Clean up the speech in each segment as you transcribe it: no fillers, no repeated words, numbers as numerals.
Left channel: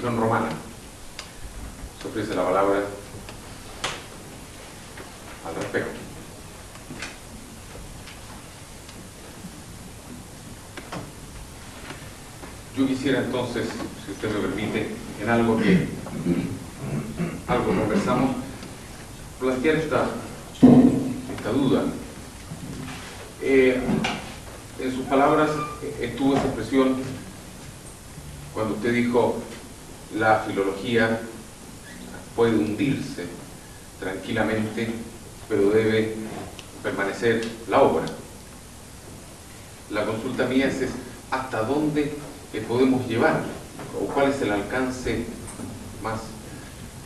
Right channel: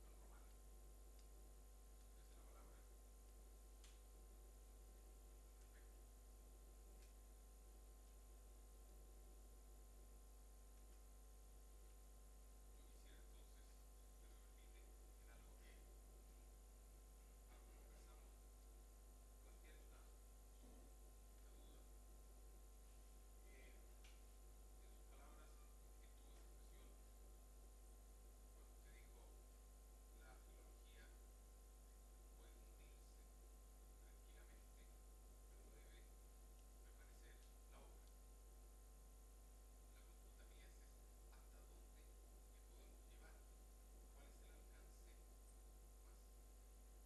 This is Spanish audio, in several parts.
religión romana. Se ofrece la palabra al respecto. Yo quisiera entonces, si usted me permite, en algo conversamos, plantear esta duda. En sus palabras estuvo esa expresión cuando usted dijo la filología puede hundirse tranquilamente, pero debe permanecer la obra. La consulta mía es hasta dónde podemos llevar, o cuál es el alcance más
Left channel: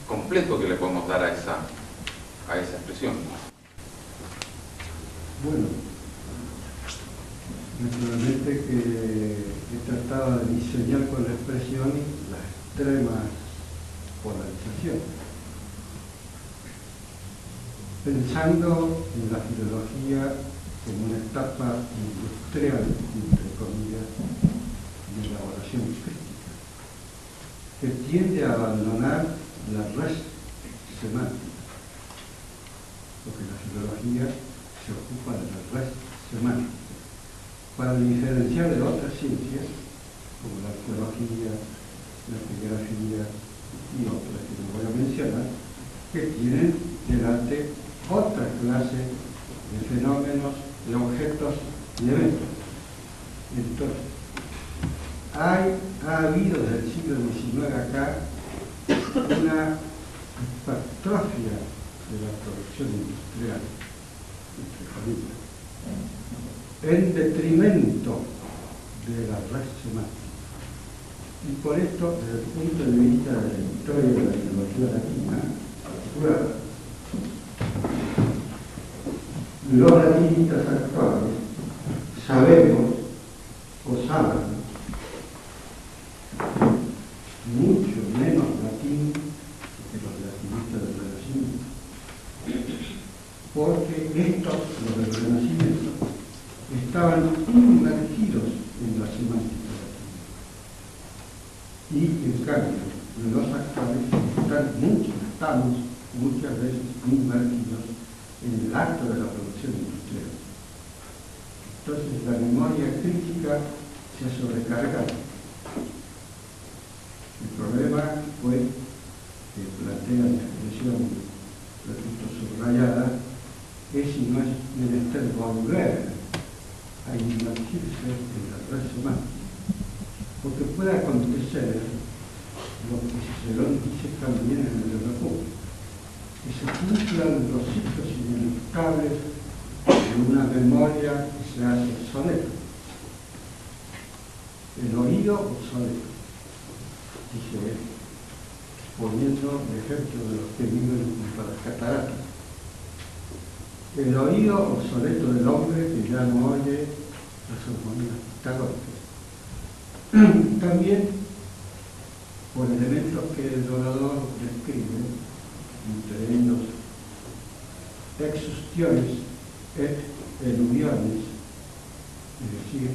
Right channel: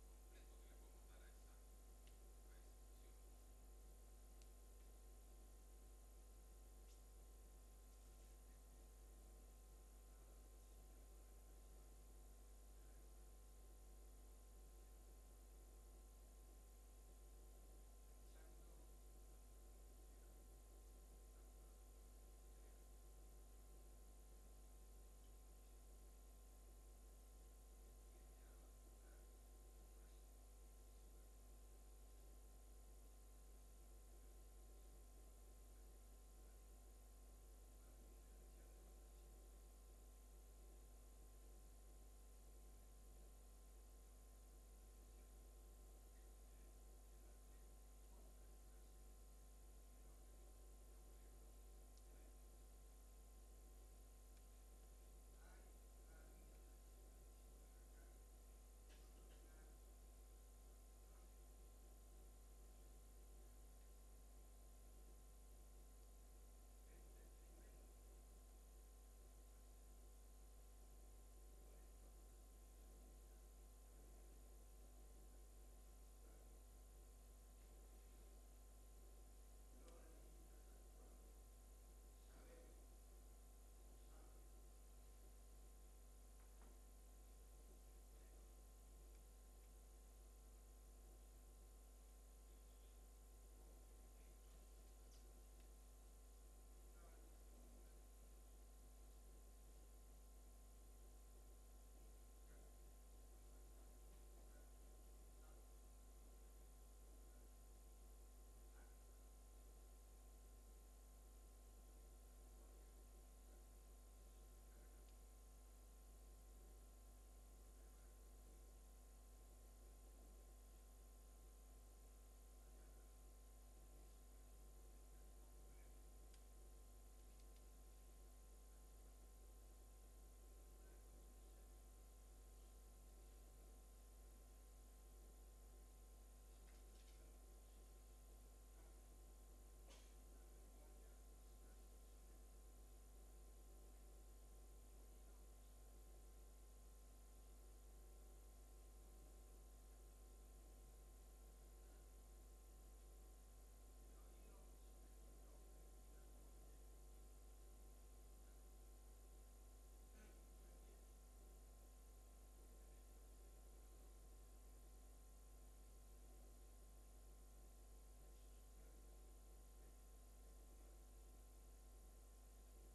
completo que le podemos dar a esa expresión. Bueno, naturalmente que he tratado de diseñar con la expresión la extrema polarización, pensando en la filología como una etapa industrial, entre comillas, de elaboración crítica, que tiende a abandonar la res semántica, porque la filología se ocupa de la res semántica, para diferenciar de otras ciencias, como la arqueología, la epigrafía y otras que no voy a mencionar, que tienen delante otra clase de fenómenos, de objetos y eventos. Entonces, ha habido desde el siglo XIX acá una hipertrofia de la producción industrial, entre comillas, en detrimento de la red semántica. Y por esto, desde el punto de vista de la historia de la filología latina, los latinistas actuales sabemos o saben mucho menos latín que los latinistas del Renacimiento, porque los del Renacimiento estaban inmergidos en la semántica latina, y en cambio los actuales estamos muchas veces inmergidos en el acto de la producción industrial. Entonces la memoria crítica se ha sobrecargado. El problema fue que plantea la expresión, repito, subrayada, es si no es menester volver a inmergirse en la red semántica, porque puede acontecer lo que Cicerón dice también en el de la República, que se cumplan los ciclos ineluctables de una memoria que se hace obsoleta. El oído obsoleto, dice él, poniendo el ejemplo de los que viven junto a las cataratas. El oído obsoleto del hombre que ya no oye las armonías pitagóricas. También por elementos que el orador describe, entre ellos exustiones et eluviones, es decir,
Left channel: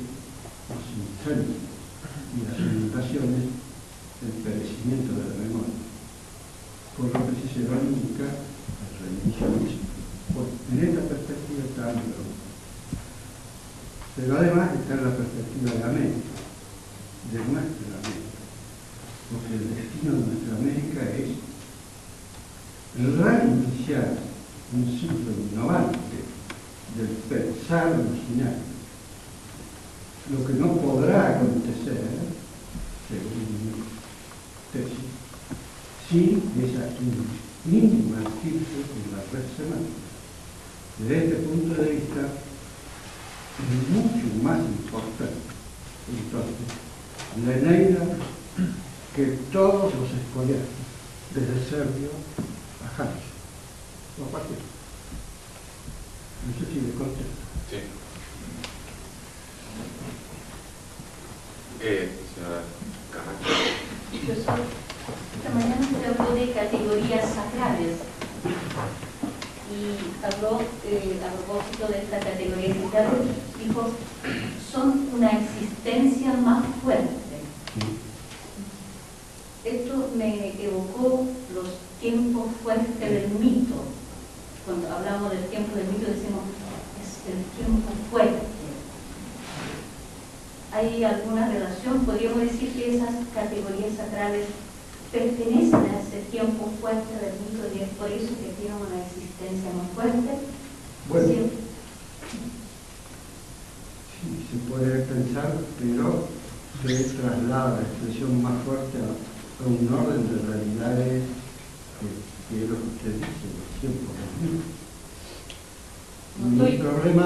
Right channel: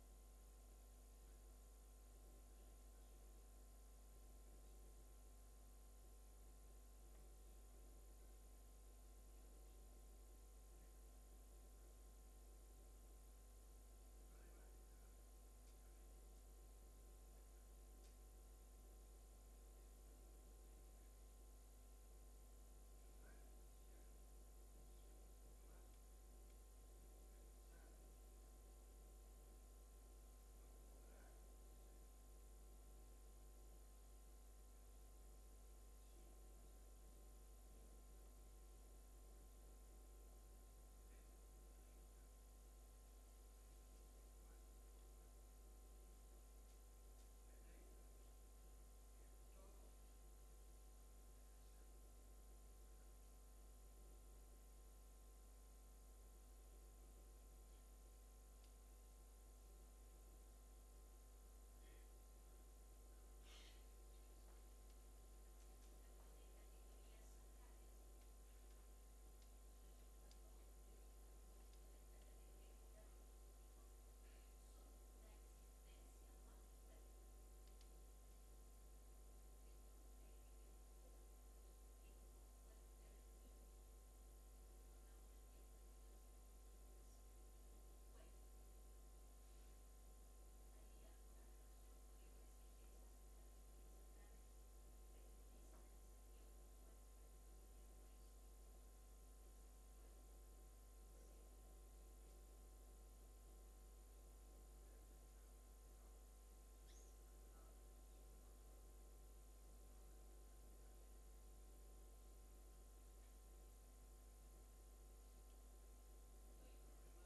los incendios y las inundaciones, el perecimiento de la memoria, por lo que Cicerón indica el reinicio. En esta perspectiva está América, pero además está en la perspectiva de América, de nuestra América, porque el destino de nuestra América es reiniciar un ciclo innovante del pensar original, lo que no podrá acontecer, según mi tesis, sin esa inmergirse en la red semántica. Desde este punto de vista, es mucho más importante, entonces, la Eneida que todos los escolares, desde Servio a Hannes, o a cualquiera. No sé si le contesto. Sí. Señora Carranza. Profesor, esta mañana usted habló de categorías sacrales y habló a propósito de esta categoría sacral, dijo, son una existencia más fuerte. Esto me evocó los tiempos fuertes del mito. Cuando hablamos del tiempo del mito decimos, es el tiempo fuerte. ¿Hay alguna relación? ¿Podríamos decir que esas categorías sacrales pertenecen a ese tiempo fuerte del mito y es por eso que tienen una existencia más fuerte? Bueno, Sí. sí, se puede pensar, pero se traslada la expresión más fuerte a un orden de realidades que es lo que usted dice, los tiempos del mito. Mi problema...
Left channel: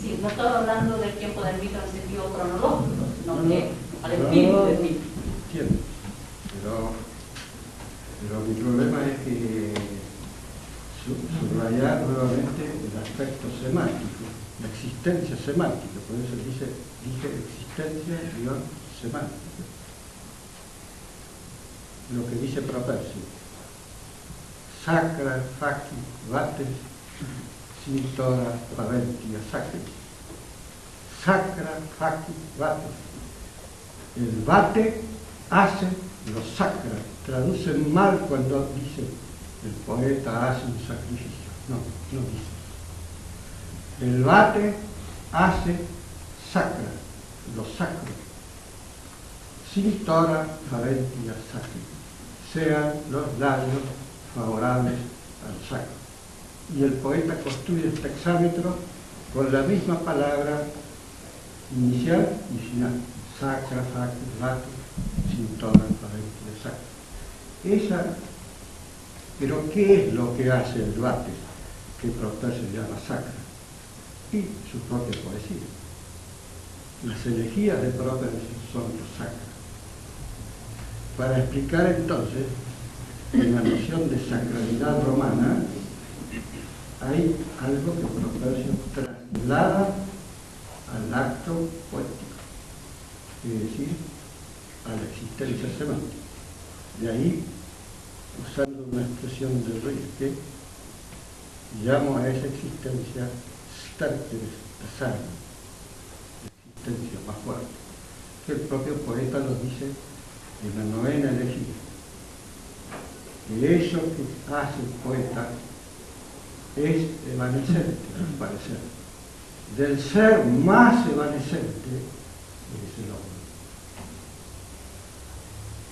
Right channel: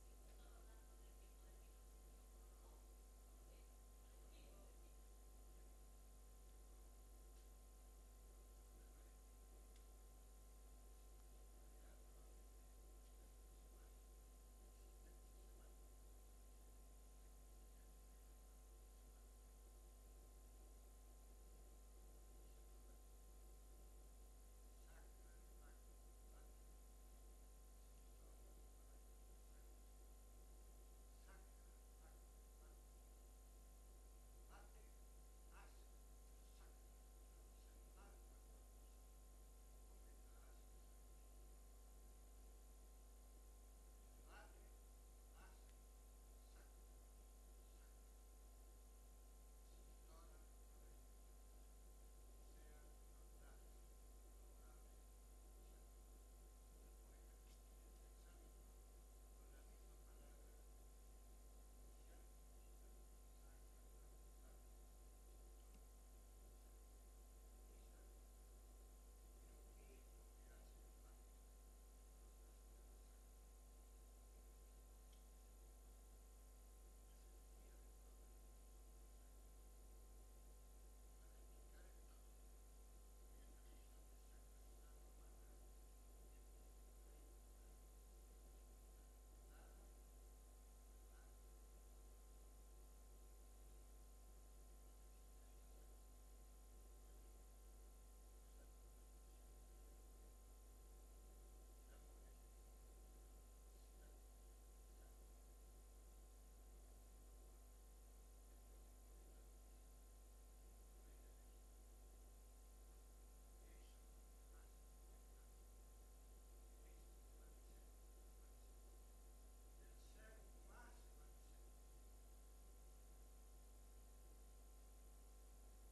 Sí, no estoy hablando del tiempo del mito en sentido cronológico, sino No, que al espíritu del mito. Entiendo, pero mi problema es que subrayar nuevamente el aspecto semántico, la existencia semántica, por eso dije existencia semántica. Lo que dice Propersio, sacra faci vates sintora parentia sacri. Sacra faci vates. El vate hace lo sacra. Traducen mal cuando dice el poeta hace un sacrificio. No, no dice. El vate hace sacra, lo sacro. Sintora parentia sacri. Sean los labios favorables al sacro. Y el poeta construye este hexámetro con la misma palabra inicial y final. Sacra, faci, vatus, sintora, parentia, sacra. Pero ¿qué es lo que hace el vate? Que Propersio llama sacra. Y su propia poesía. Las elegías de Propersio son los sacra. Para explicar entonces, en la noción de sacralidad romana, hay algo que Propersio traslada al acto poético, es decir, a la existencia semántica. De ahí, usando una expresión de Rilke, llamo a esa existencia stärkeres Erscheinung, la existencia más fuerte, que el propio poeta lo dice en la novena elegía. Que eso que hace el poeta es evanescente, al parecer. Del ser más evanescente es el hombre.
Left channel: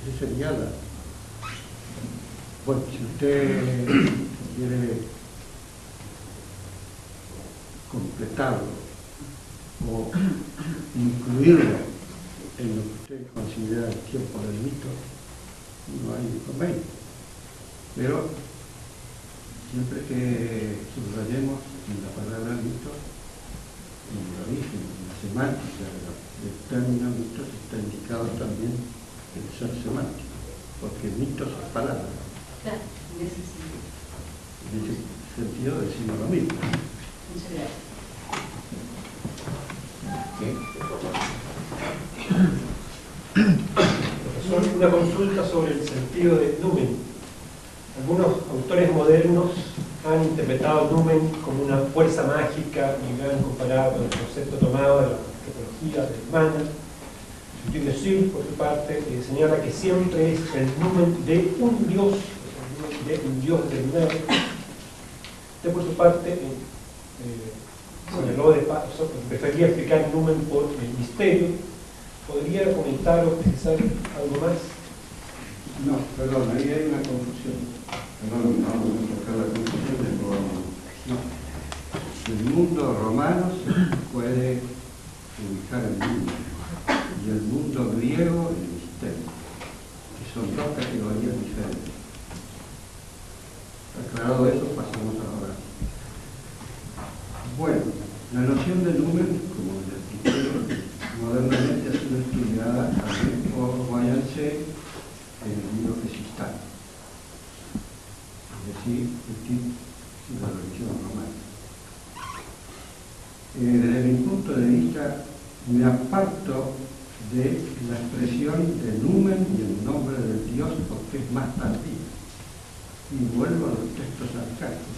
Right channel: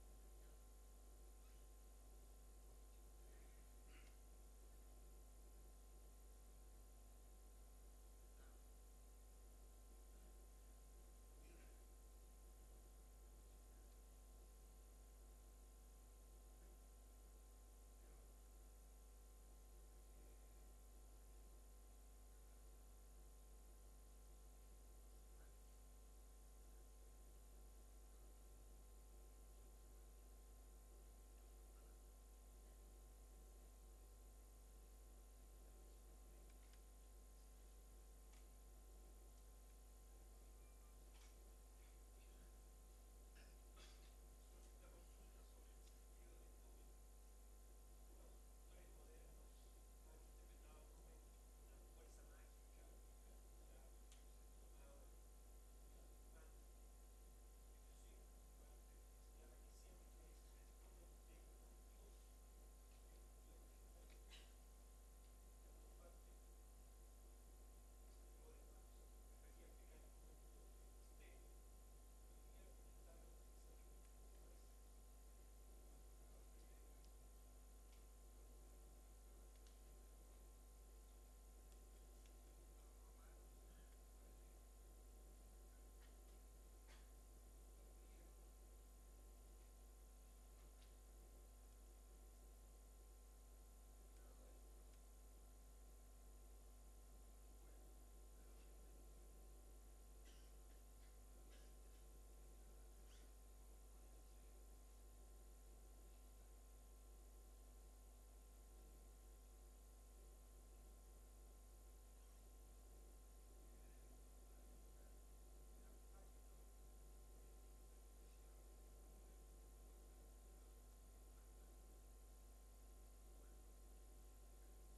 Esa sería la... Bueno, si usted quiere completarlo o incluirlo en lo que usted considera el tiempo del mito, no hay inconveniente. Pero siempre que subrayemos en la palabra mito, en el origen, en la semántica del término mito, está indicado también el ser semántico, porque mitos es palabra. Claro, en ese sentido. En ese sentido decimos lo mismo. Muchas gracias. Profesor, una consulta sobre el sentido de numen. Algunos autores modernos han interpretado numen como una fuerza mágica y lo han comparado con el concepto tomado de la antropología alemana. Dussel, por su parte, señala que siempre es el numen de un dios determinado. Usted, por su parte, señaló prefería explicar el numen por el misterio. ¿Podría comentar o precisar algo más? No, perdón, ahí hay una confusión. Perdón, no vamos a tocar la confusión de Romano. No. El mundo romano se puede ubicar en mundo. Y el mundo griego el misterio. Que son dos categorías diferentes. Aclarado eso, pasamos ahora. Bueno, la noción de numen, como les dije, modernamente ha sido estudiada también por Guayancé en el libro Gesistán, es decir, el tipo de la religión romana. Desde mi punto de vista, me aparto de la expresión de numen y el nombre del Dios porque es más tardía. Y vuelvo a los textos arcaicos,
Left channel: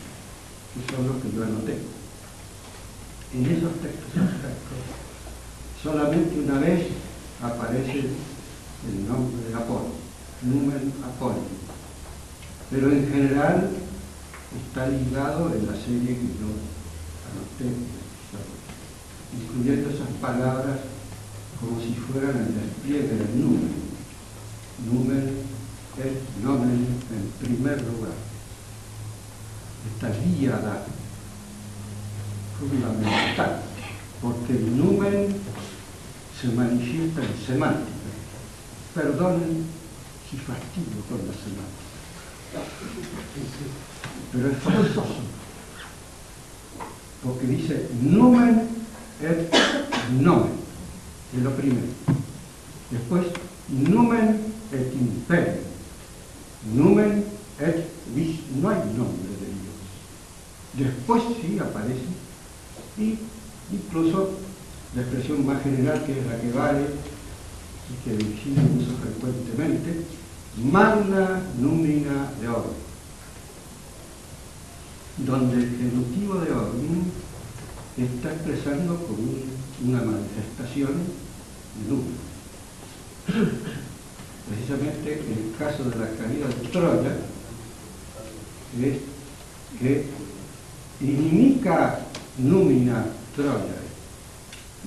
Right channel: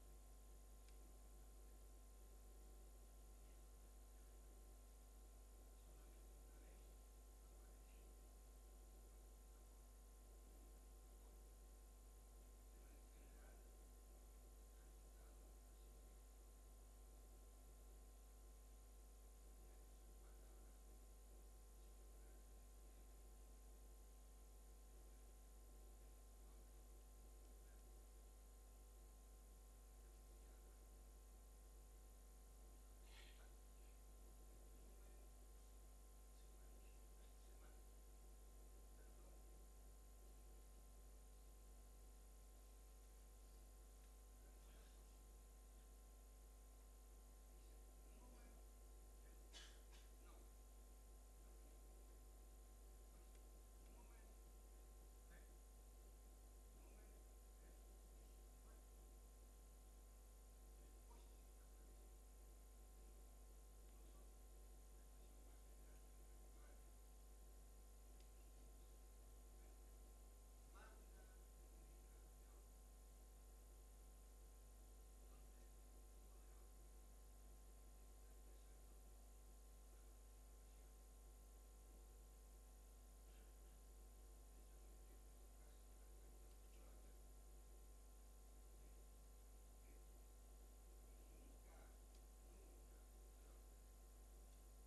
que son los que yo anoté. En esos textos arcaicos, solamente una vez aparece el nombre de Apolo, numen apónimo. Pero en general está ligado en la serie que yo anoté, incluyendo esas palabras como si fueran el despliegue del numen. Numen es nomen en primer lugar. Esta díada fundamental, porque el numen se manifiesta en semántica. Perdonen si fastidio con la semántica, pero es forzoso, porque dice numen et nomen, es lo primero. Después, numen et imperium, numen et vis, no hay nombre de Dios. Después sí aparece, y incluso la expresión más general, que es la que vale y que Virgilio usa frecuentemente, magna numina deorum, donde el genitivo deorum está expresando como una manifestación de número. Precisamente el caso de la caída de Troya es que inimica numina Troya.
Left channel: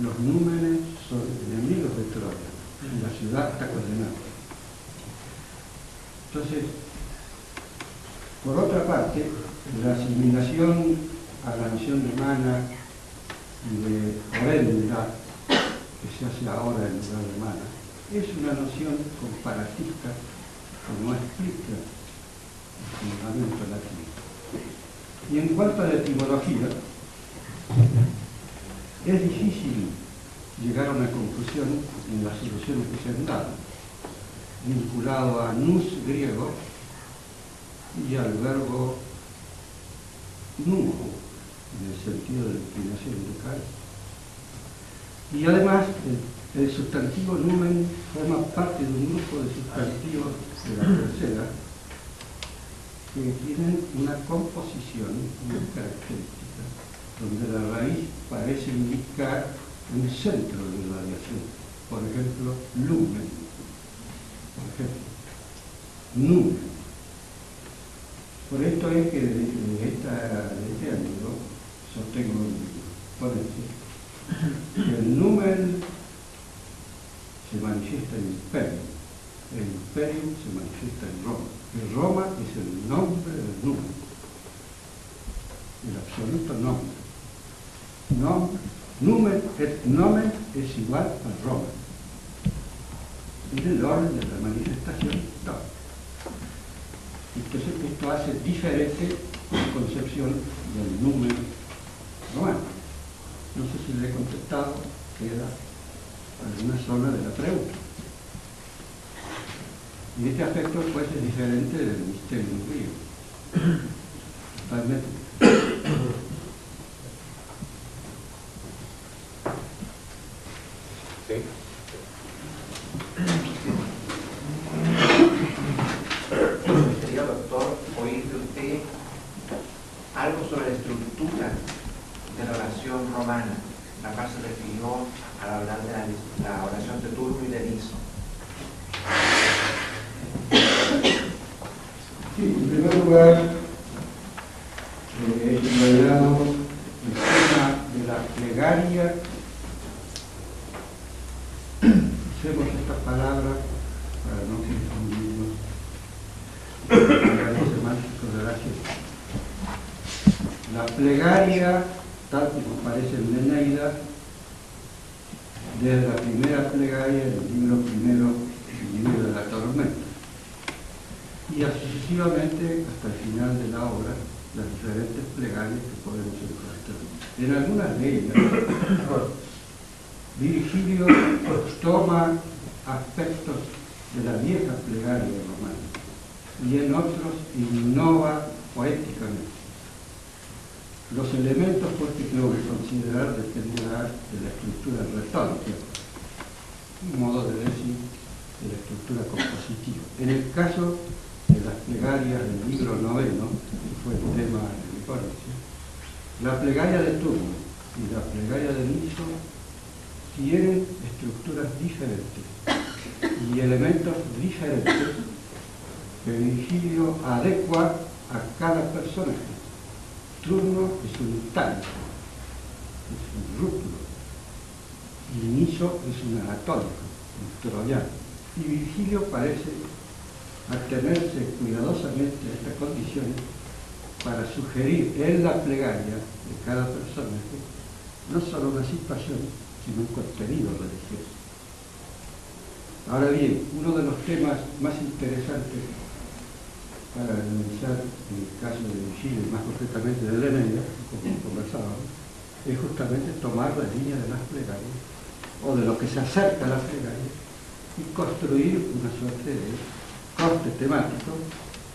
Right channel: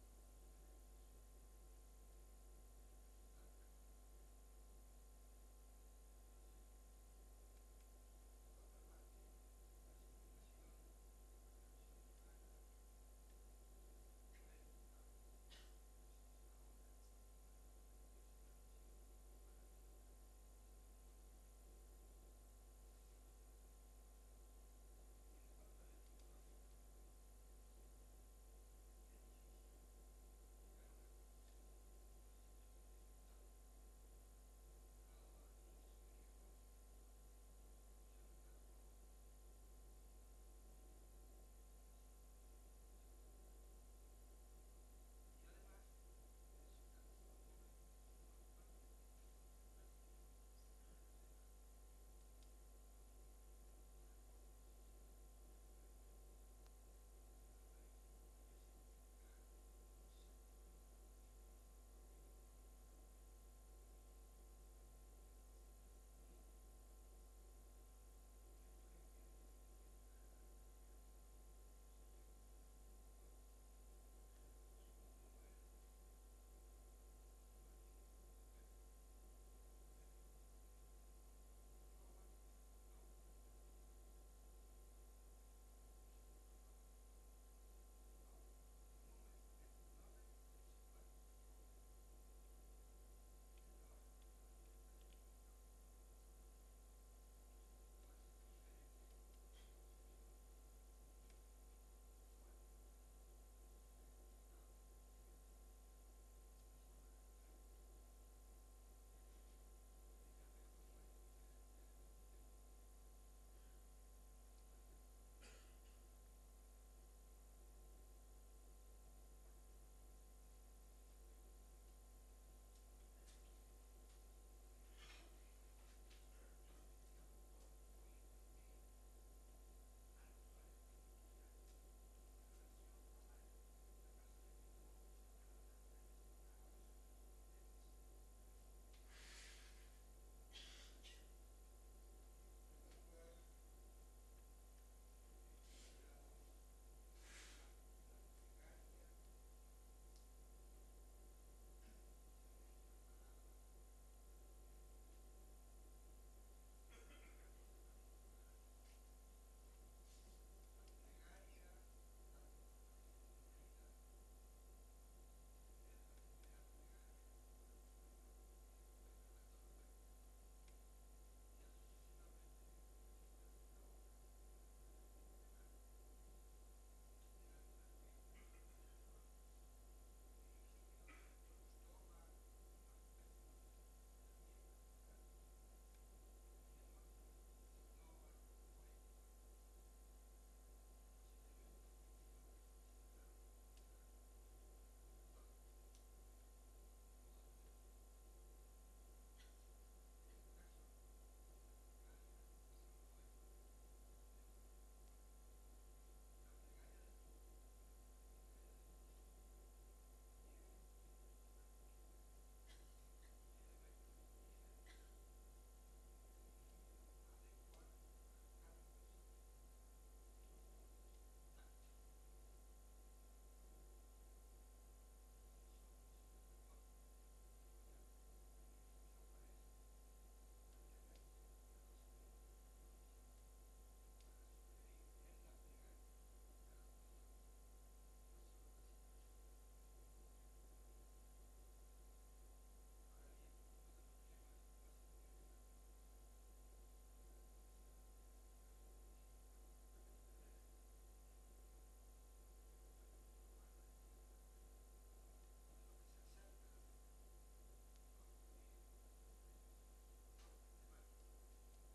Los númenes son enemigos de Troya y la ciudad está condenada. Entonces, por otra parte, la asimilación a la nación romana de horrenda que se hace ahora en lugar de mana es una noción comparatista que no explica el fundamento latino. Y en cuanto a la etimología, es difícil llegar a una conclusión en las soluciones que se han dado, vinculado a nous griego y al verbo numo, en el sentido de la inclinación local. Y además, el sustantivo numen forma parte de un grupo de sustantivos de la tercera que tienen una composición muy característica, donde la raíz parece indicar un centro de radiación. Por ejemplo, lumen. Por ejemplo, numen. Por esto es que de este ángulo sostengo con que el numen se manifiesta en el imperium se manifiesta en Roma. Y Roma es el nombre del numen, el absoluto nombre. Numen et nomen es igual a Roma. En el orden de la manifestación histórica. Entonces esto hace diferente la concepción del numen romano. No sé si le he contestado, queda alguna zona de la pregunta. Y este aspecto pues es diferente del misterio griego. Totalmente. ¿Sí? Me gustaría, doctor, oír de usted algo sobre la estructura de la oración romana, la cual se refirió al hablar de la oración de turno y de liso. Sí, en primer lugar, he subrayado el tema de la plegaria. Usemos esta palabra para no confundirnos con los semánticos de la ciencia. La plegaria, tal como aparece en la Eneida, desde la primera plegaria del libro primero, el libro de la tormenta, y sucesivamente hasta el final de la obra, las diferentes plegarias que podemos encontrar. En algunas de ellas, Virgilio toma aspectos de la vieja plegaria romana y en otros innova poéticamente. Los elementos pues, que tengo que considerar dependerán de la estructura retórica, un modo de decir, de la estructura compositiva. En el caso de las plegarias del libro noveno, que fue el tema de mi ponencia, la plegaria de turno y la plegaria de liso tienen estructuras diferentes y elementos diferentes que Virgilio adecua a cada personaje. Turno es un tanto, es un rútulo. Inicio es un anatólico, un troyano. Y Virgilio parece atenerse cuidadosamente a estas condiciones para sugerir en la plegaria de cada personaje no solo una situación, sino un contenido religioso. Ahora bien, uno de los temas más interesantes para analizar en el caso de Virgilio, y más concretamente de la Eneida, como conversábamos, es justamente tomar la línea de las plegarias, o de lo que se acerca a la plegaria, y construir una suerte de corte temático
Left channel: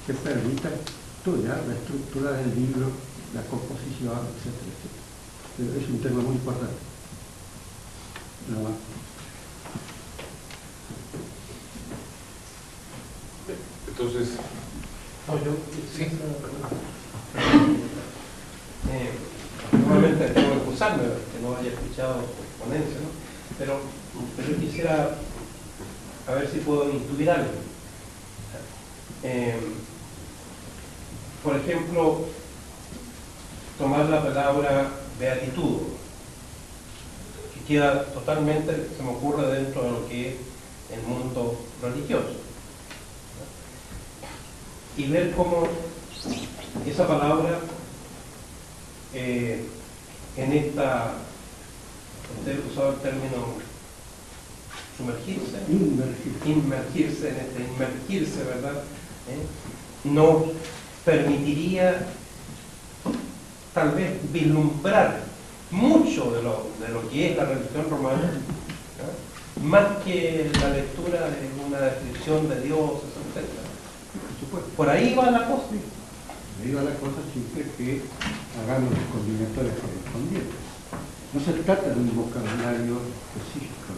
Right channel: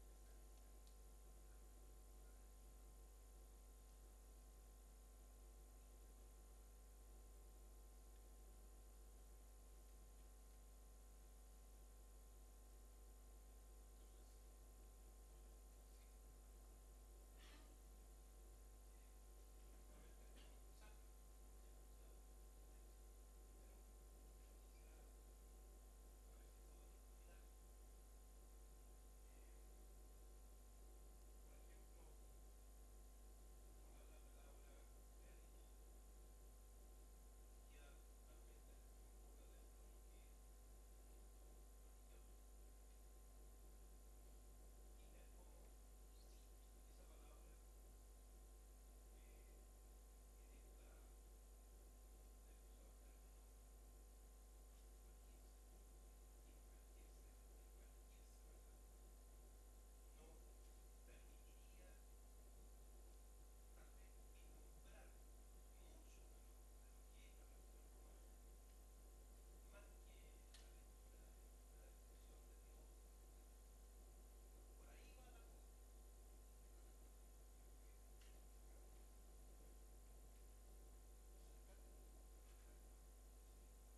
que permita estudiar la estructura del libro, la composición, etcétera, etcétera. Pero es un tema muy importante. Nada más. Entonces, Sí. Normalmente tengo que excusarme que no haya escuchado su ponencia, ¿no? Pero yo quisiera a ver si puedo intuir algo. Por ejemplo, tomar la palabra beatitud, que queda totalmente, se me ocurre, dentro de lo que es el mundo religioso. Y ver cómo esa palabra en esta, usted usaba el término sumergirse, inmergirse, ¿verdad? Nos permitiría tal vez vislumbrar mucho de lo que es la religión romana, ¿no? Más que la lectura de una descripción de dioses, etc. Por ahí va la cosa. Por ahí va la cosa siempre que hagamos los combinatorios correspondientes. No se trata de un vocabulario específico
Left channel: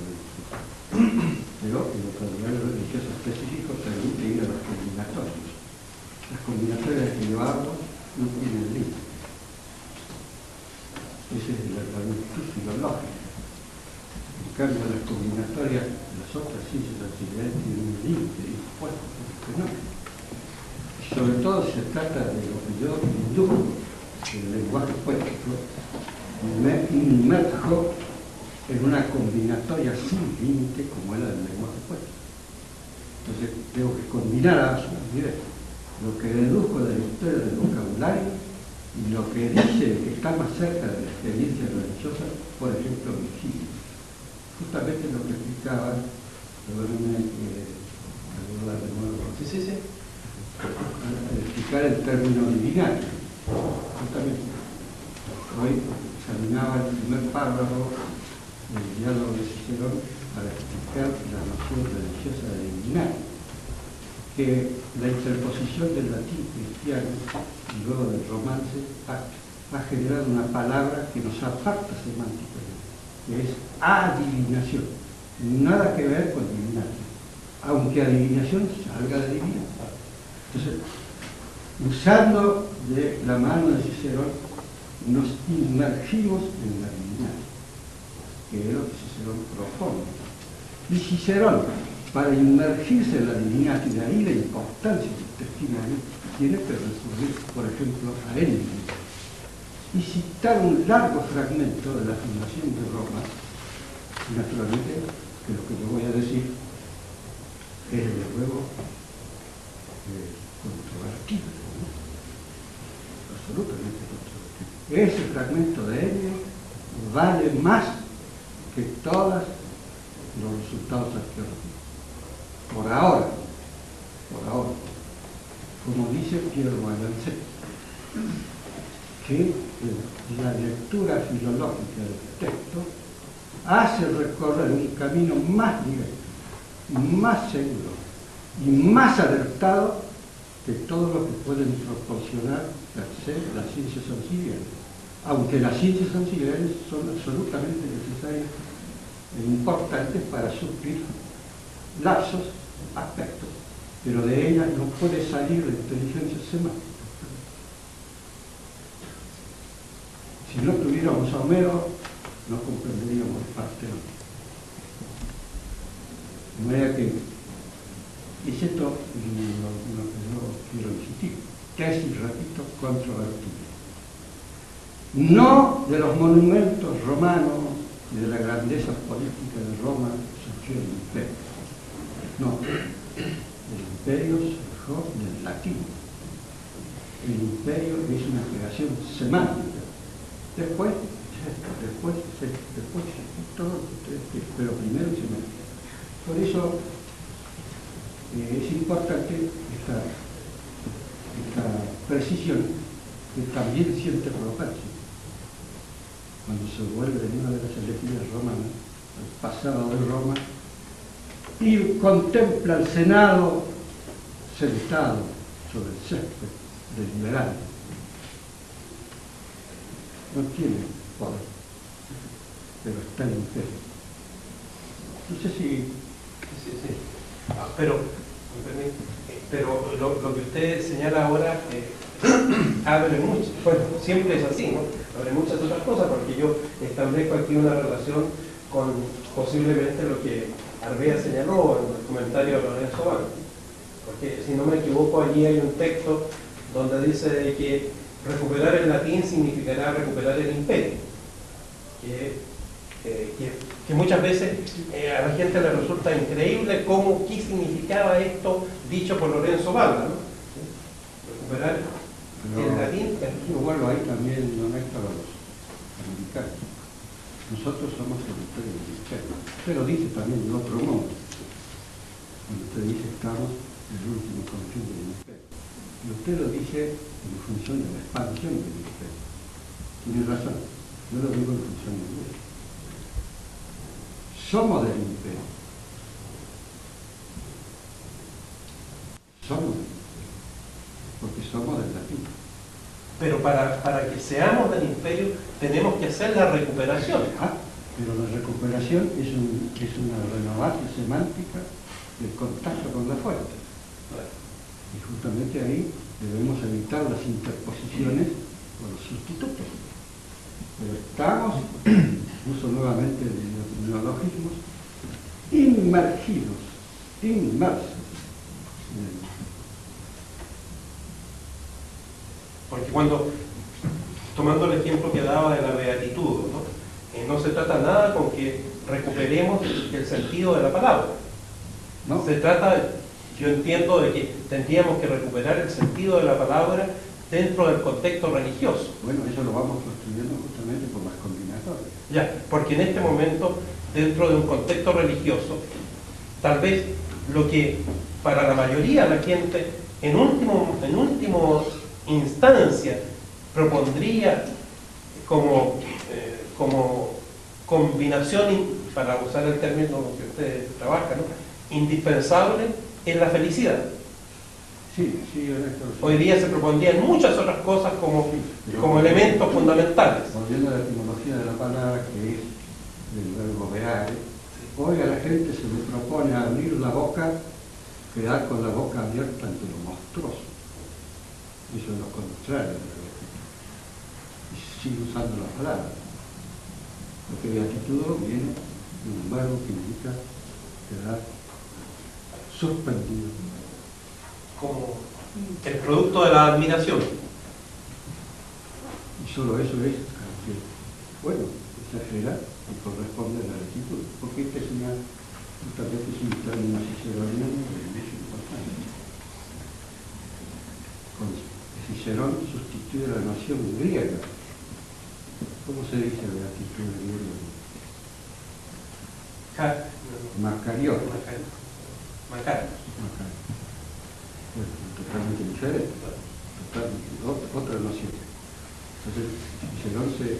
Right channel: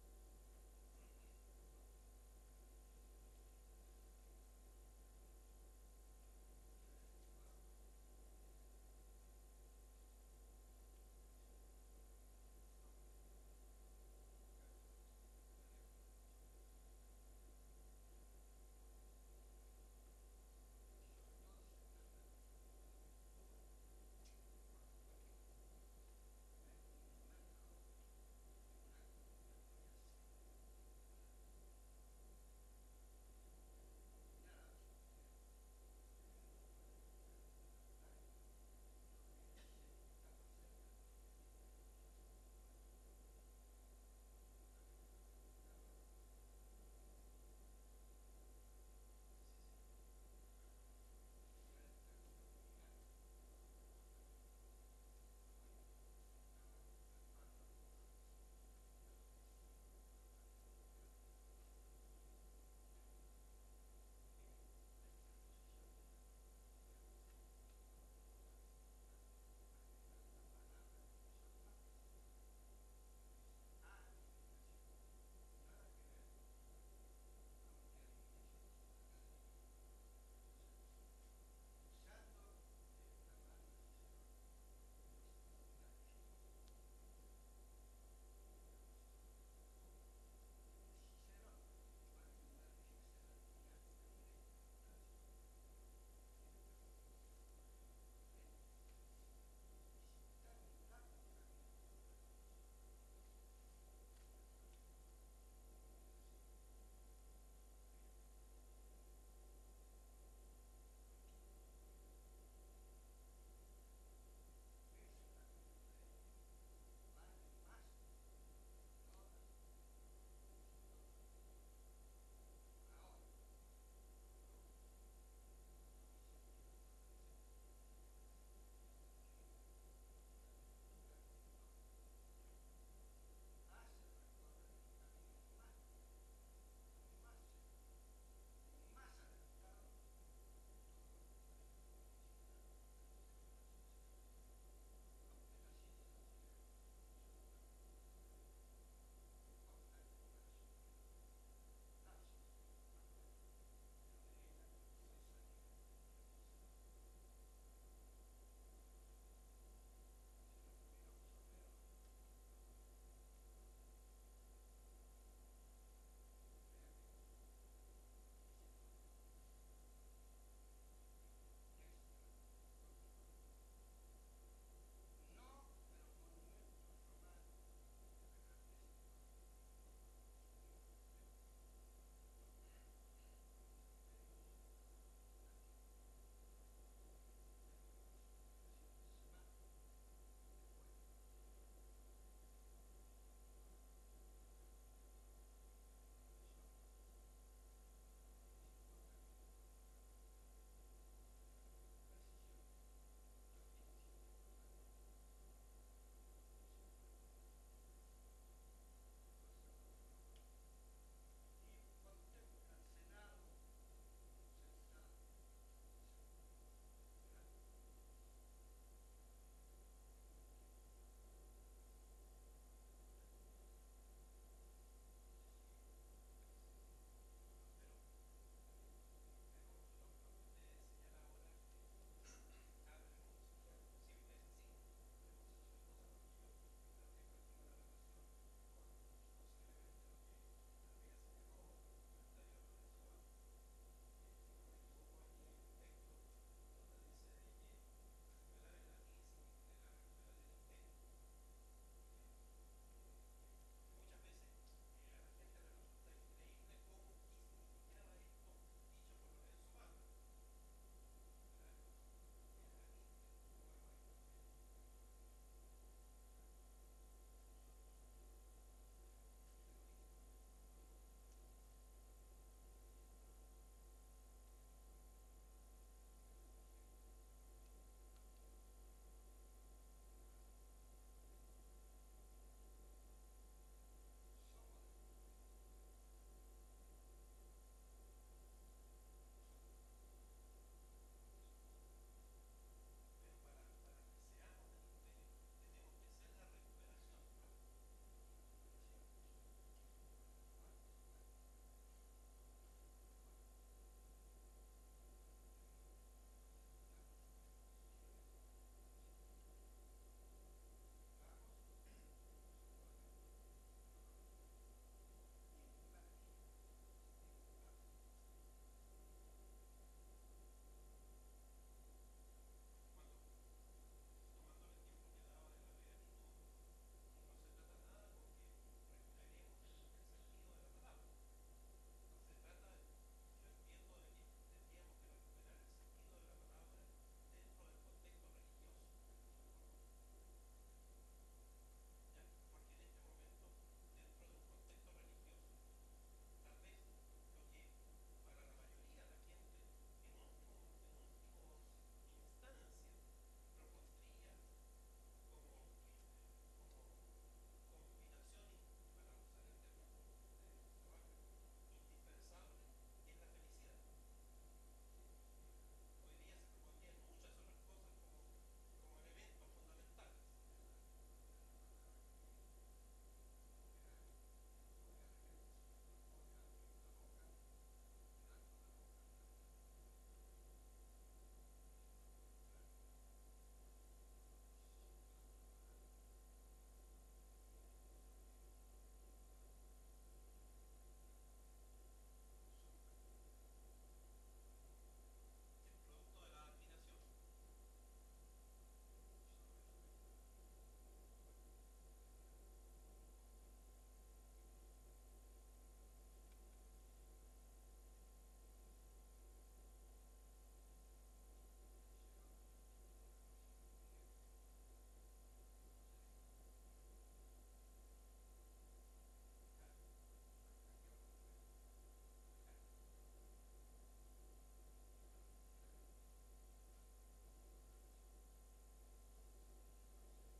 pero el vocabulario religioso específico permite ir a los combinatorios. Las combinatorias que yo hablo no tienen límite. Esa es la virtud filológica. En cambio, las combinatorias, las otras ciencias auxiliares tienen un límite impuesto por el fenómeno. Sobre todo se trata de lo que yo induzco en el lenguaje poético, me inmerjo en una combinatoria sin límite como era el lenguaje poético. Entonces tengo que combinar a su nivel lo que deduzco de la historia del vocabulario y lo que dice que está más cerca de la experiencia religiosa, por ejemplo, Virgilio. Justamente lo que explicaba, perdónenme que hablar de nuevo. Sí. Al explicar el término divinario. Justamente, hoy examinaba el primer párrafo del diálogo de Cicerón para explicar la noción religiosa de divinario, que la interposición del latín cristiano y luego del romance ha generado una palabra que nos aparta semánticamente, que es adivinación. Nada que ver con divinario, aunque adivinación salga de divino. Entonces, usando de la mano de Cicerón, nos inmergimos en la divinidad, que es lo que Cicerón propone. Y Cicerón, para inmergirse en la divinidad, y de ahí la importancia del testimonio, tiene que recurrir, por ejemplo, a él mismo. Y citar un largo fragmento de la fundación de Roma, naturalmente, que lo que yo voy a decir es de luego controvertido, ¿no? Absolutamente controvertido. Ese fragmento de Enio vale más que todos los resultados arqueológicos. Por ahora, como dice Pierre Balancet, que la lectura filológica del texto hace recorrer un camino más directo, más seguro y más alertado que todo lo que pueden proporcionar las ciencias auxiliares, aunque las ciencias auxiliares son absolutamente necesarias e importantes para suplir lapsos, aspectos, pero de ellas no puede salir la inteligencia semántica. Si no tuviéramos a Homero, no comprenderíamos el Partenón. De manera que, y esto lo que quiero insistir, tesis, repito, controvertida. No de los monumentos romanos y de la grandeza política de Roma surgió el imperio. No, el imperio surgió del latín. El imperio es una creación semántica. Después todo, pero primero semántica. Por eso es importante esta precisión que también siente Propercio cuando se vuelve en una de las elegías romanas, al pasado de Roma, y contempla al Senado sentado sobre el césped deliberante. No tiene poder, pero está en imperio. No sé si... Sí. Pero lo que usted señala ahora abre mucho, bueno, siempre es así, ¿no? Abre muchas otras cosas, porque yo establezco aquí una relación con posiblemente lo que Arbea señaló en el comentario de Lorenzo Banco. Porque si no me equivoco, allí hay un texto donde dice de que recuperar el latín significará recuperar el imperio. Que muchas veces a la gente le resulta increíble qué significaba esto dicho por Lorenzo Balda, ¿no? Recuperar el latín. Yo vuelvo ahí también, no es para los americanos. Nosotros somos el imperio del imperio. Pero dice también el otro modo. Cuando usted dice estamos en el último confín del imperio. Y usted lo dice en función de la expansión del imperio. Tiene razón. Yo lo digo en función de eso. Somos del imperio. Somos del imperio. Porque somos del latín. Pero para que seamos del imperio tenemos que hacer la recuperación. Pero la recuperación es una renovación semántica del contacto con la fuente. Y justamente ahí debemos evitar las interposiciones o los sustitutos. Pero estamos, uso nuevamente los neologismos, inmersos. Porque cuando, tomando el ejemplo que daba de la beatitud, no se trata nada con que recuperemos el sentido de la palabra. ¿No? Se trata, yo entiendo, de que tendríamos que recuperar el sentido de la palabra dentro del contexto religioso. Bueno, eso lo vamos construyendo justamente por las combinatorias. Ya, porque en este momento, dentro de un contexto religioso, tal vez lo que para la mayoría de la gente, en último instancia, propondría como combinación, para usar el término que usted trabaja, ¿no? Indispensable, es la felicidad. Sí, Ernesto. Hoy día se propondrían muchas otras cosas como elementos fundamentales. Volviendo a la etimología de la palabra, que es del verbo veare, hoy a la gente se le propone abrir la boca, quedar con la boca abierta ante lo monstruoso. Eso es lo contrario de la beatitud. Y sigue usando la palabra. Porque beatitud viene de un verbo que indica quedar suspendido. Como el producto de la admiración. Y solo eso es, bueno, exagera y corresponde a la beatitud. Porque esta es justamente es un término ciceroniano de mucha importancia. Cicerón sustituye la noción griega. ¿Cómo se dice beatitud en griego? Makarios. Bueno, totalmente diferente, totalmente otra noción. Entonces, Cicerón se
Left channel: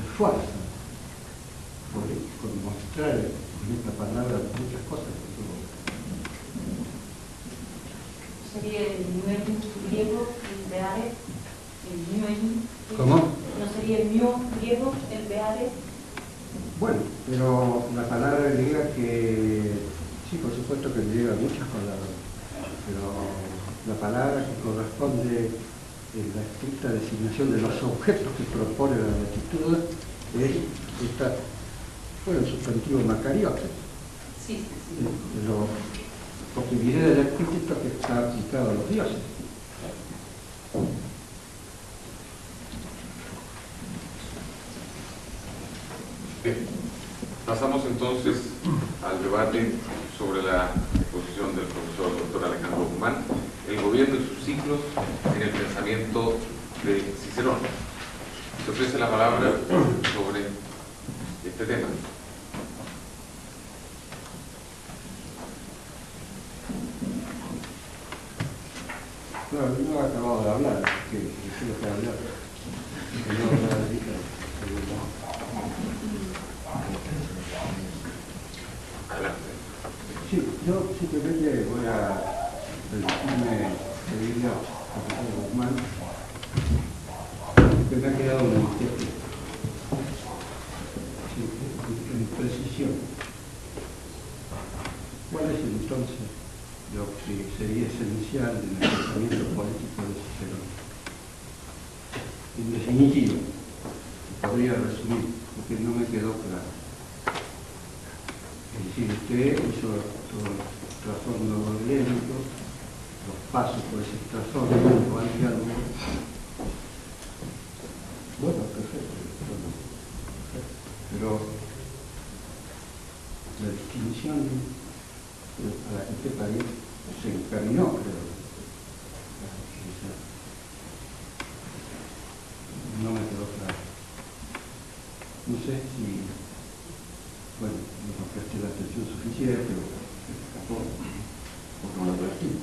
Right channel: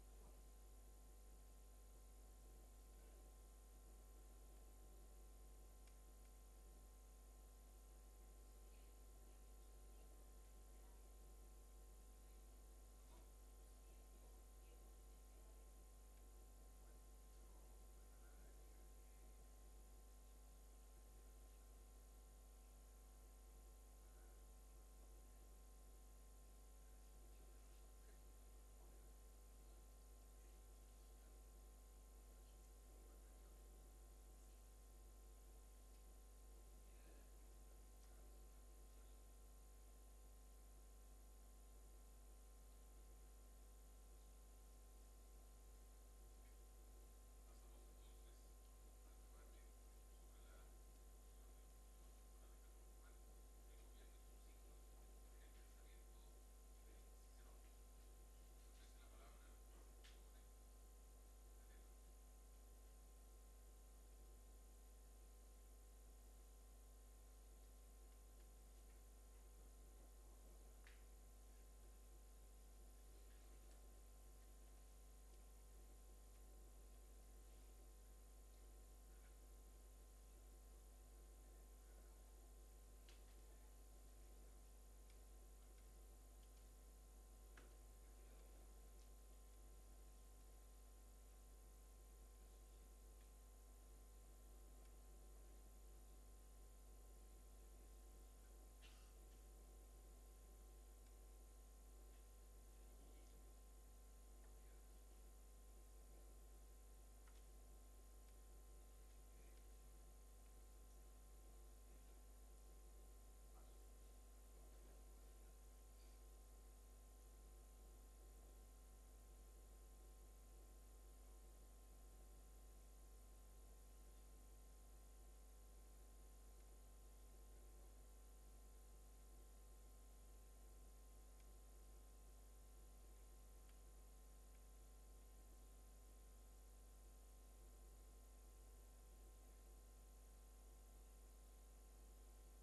esfuerza por mostrar con esta palabra muchas cosas que tuvo. ¿Sería el nuevo griego, el beare? El nuevo. ¿Cómo? ¿No sería el nuevo griego, el beare? Bueno, pero la palabra griega que, sí, por supuesto que griega muchas palabras, pero la palabra que corresponde en la estricta designación de los objetos que propone la beatitud es esta, bueno, el sustantivo macariote. Sí. Pero porque viene del epíteto que está aplicado a los dioses. Bien. Pasamos entonces al debate sobre la exposición del profesor doctor Alejandro Guzmán, el gobierno y sus ciclos en el pensamiento de Cicerón. Se ofrece la palabra sobre este tema. Claro, yo no he acabado de hablar, que tengo que hablar. Que no hablar ahorita. Adelante. Sí, yo simplemente voy a pedirle al profesor Guzmán que me ha quedado una inquietud. Sí, en precisión. ¿Cuál es entonces lo que sería esencial en el pensamiento político de Cicerón? En definitivo, podría resumir, porque no me quedó claro. Es decir, usted hizo todo el trasfondo orgánico, los pasos por ese trasfondo, al diálogo. Bueno, perfecto. Pero la distinción a la que usted país se encaminó, creo. No me quedó claro. No sé si, bueno, no presté la atención suficiente, pero se escapó, o no lo presté.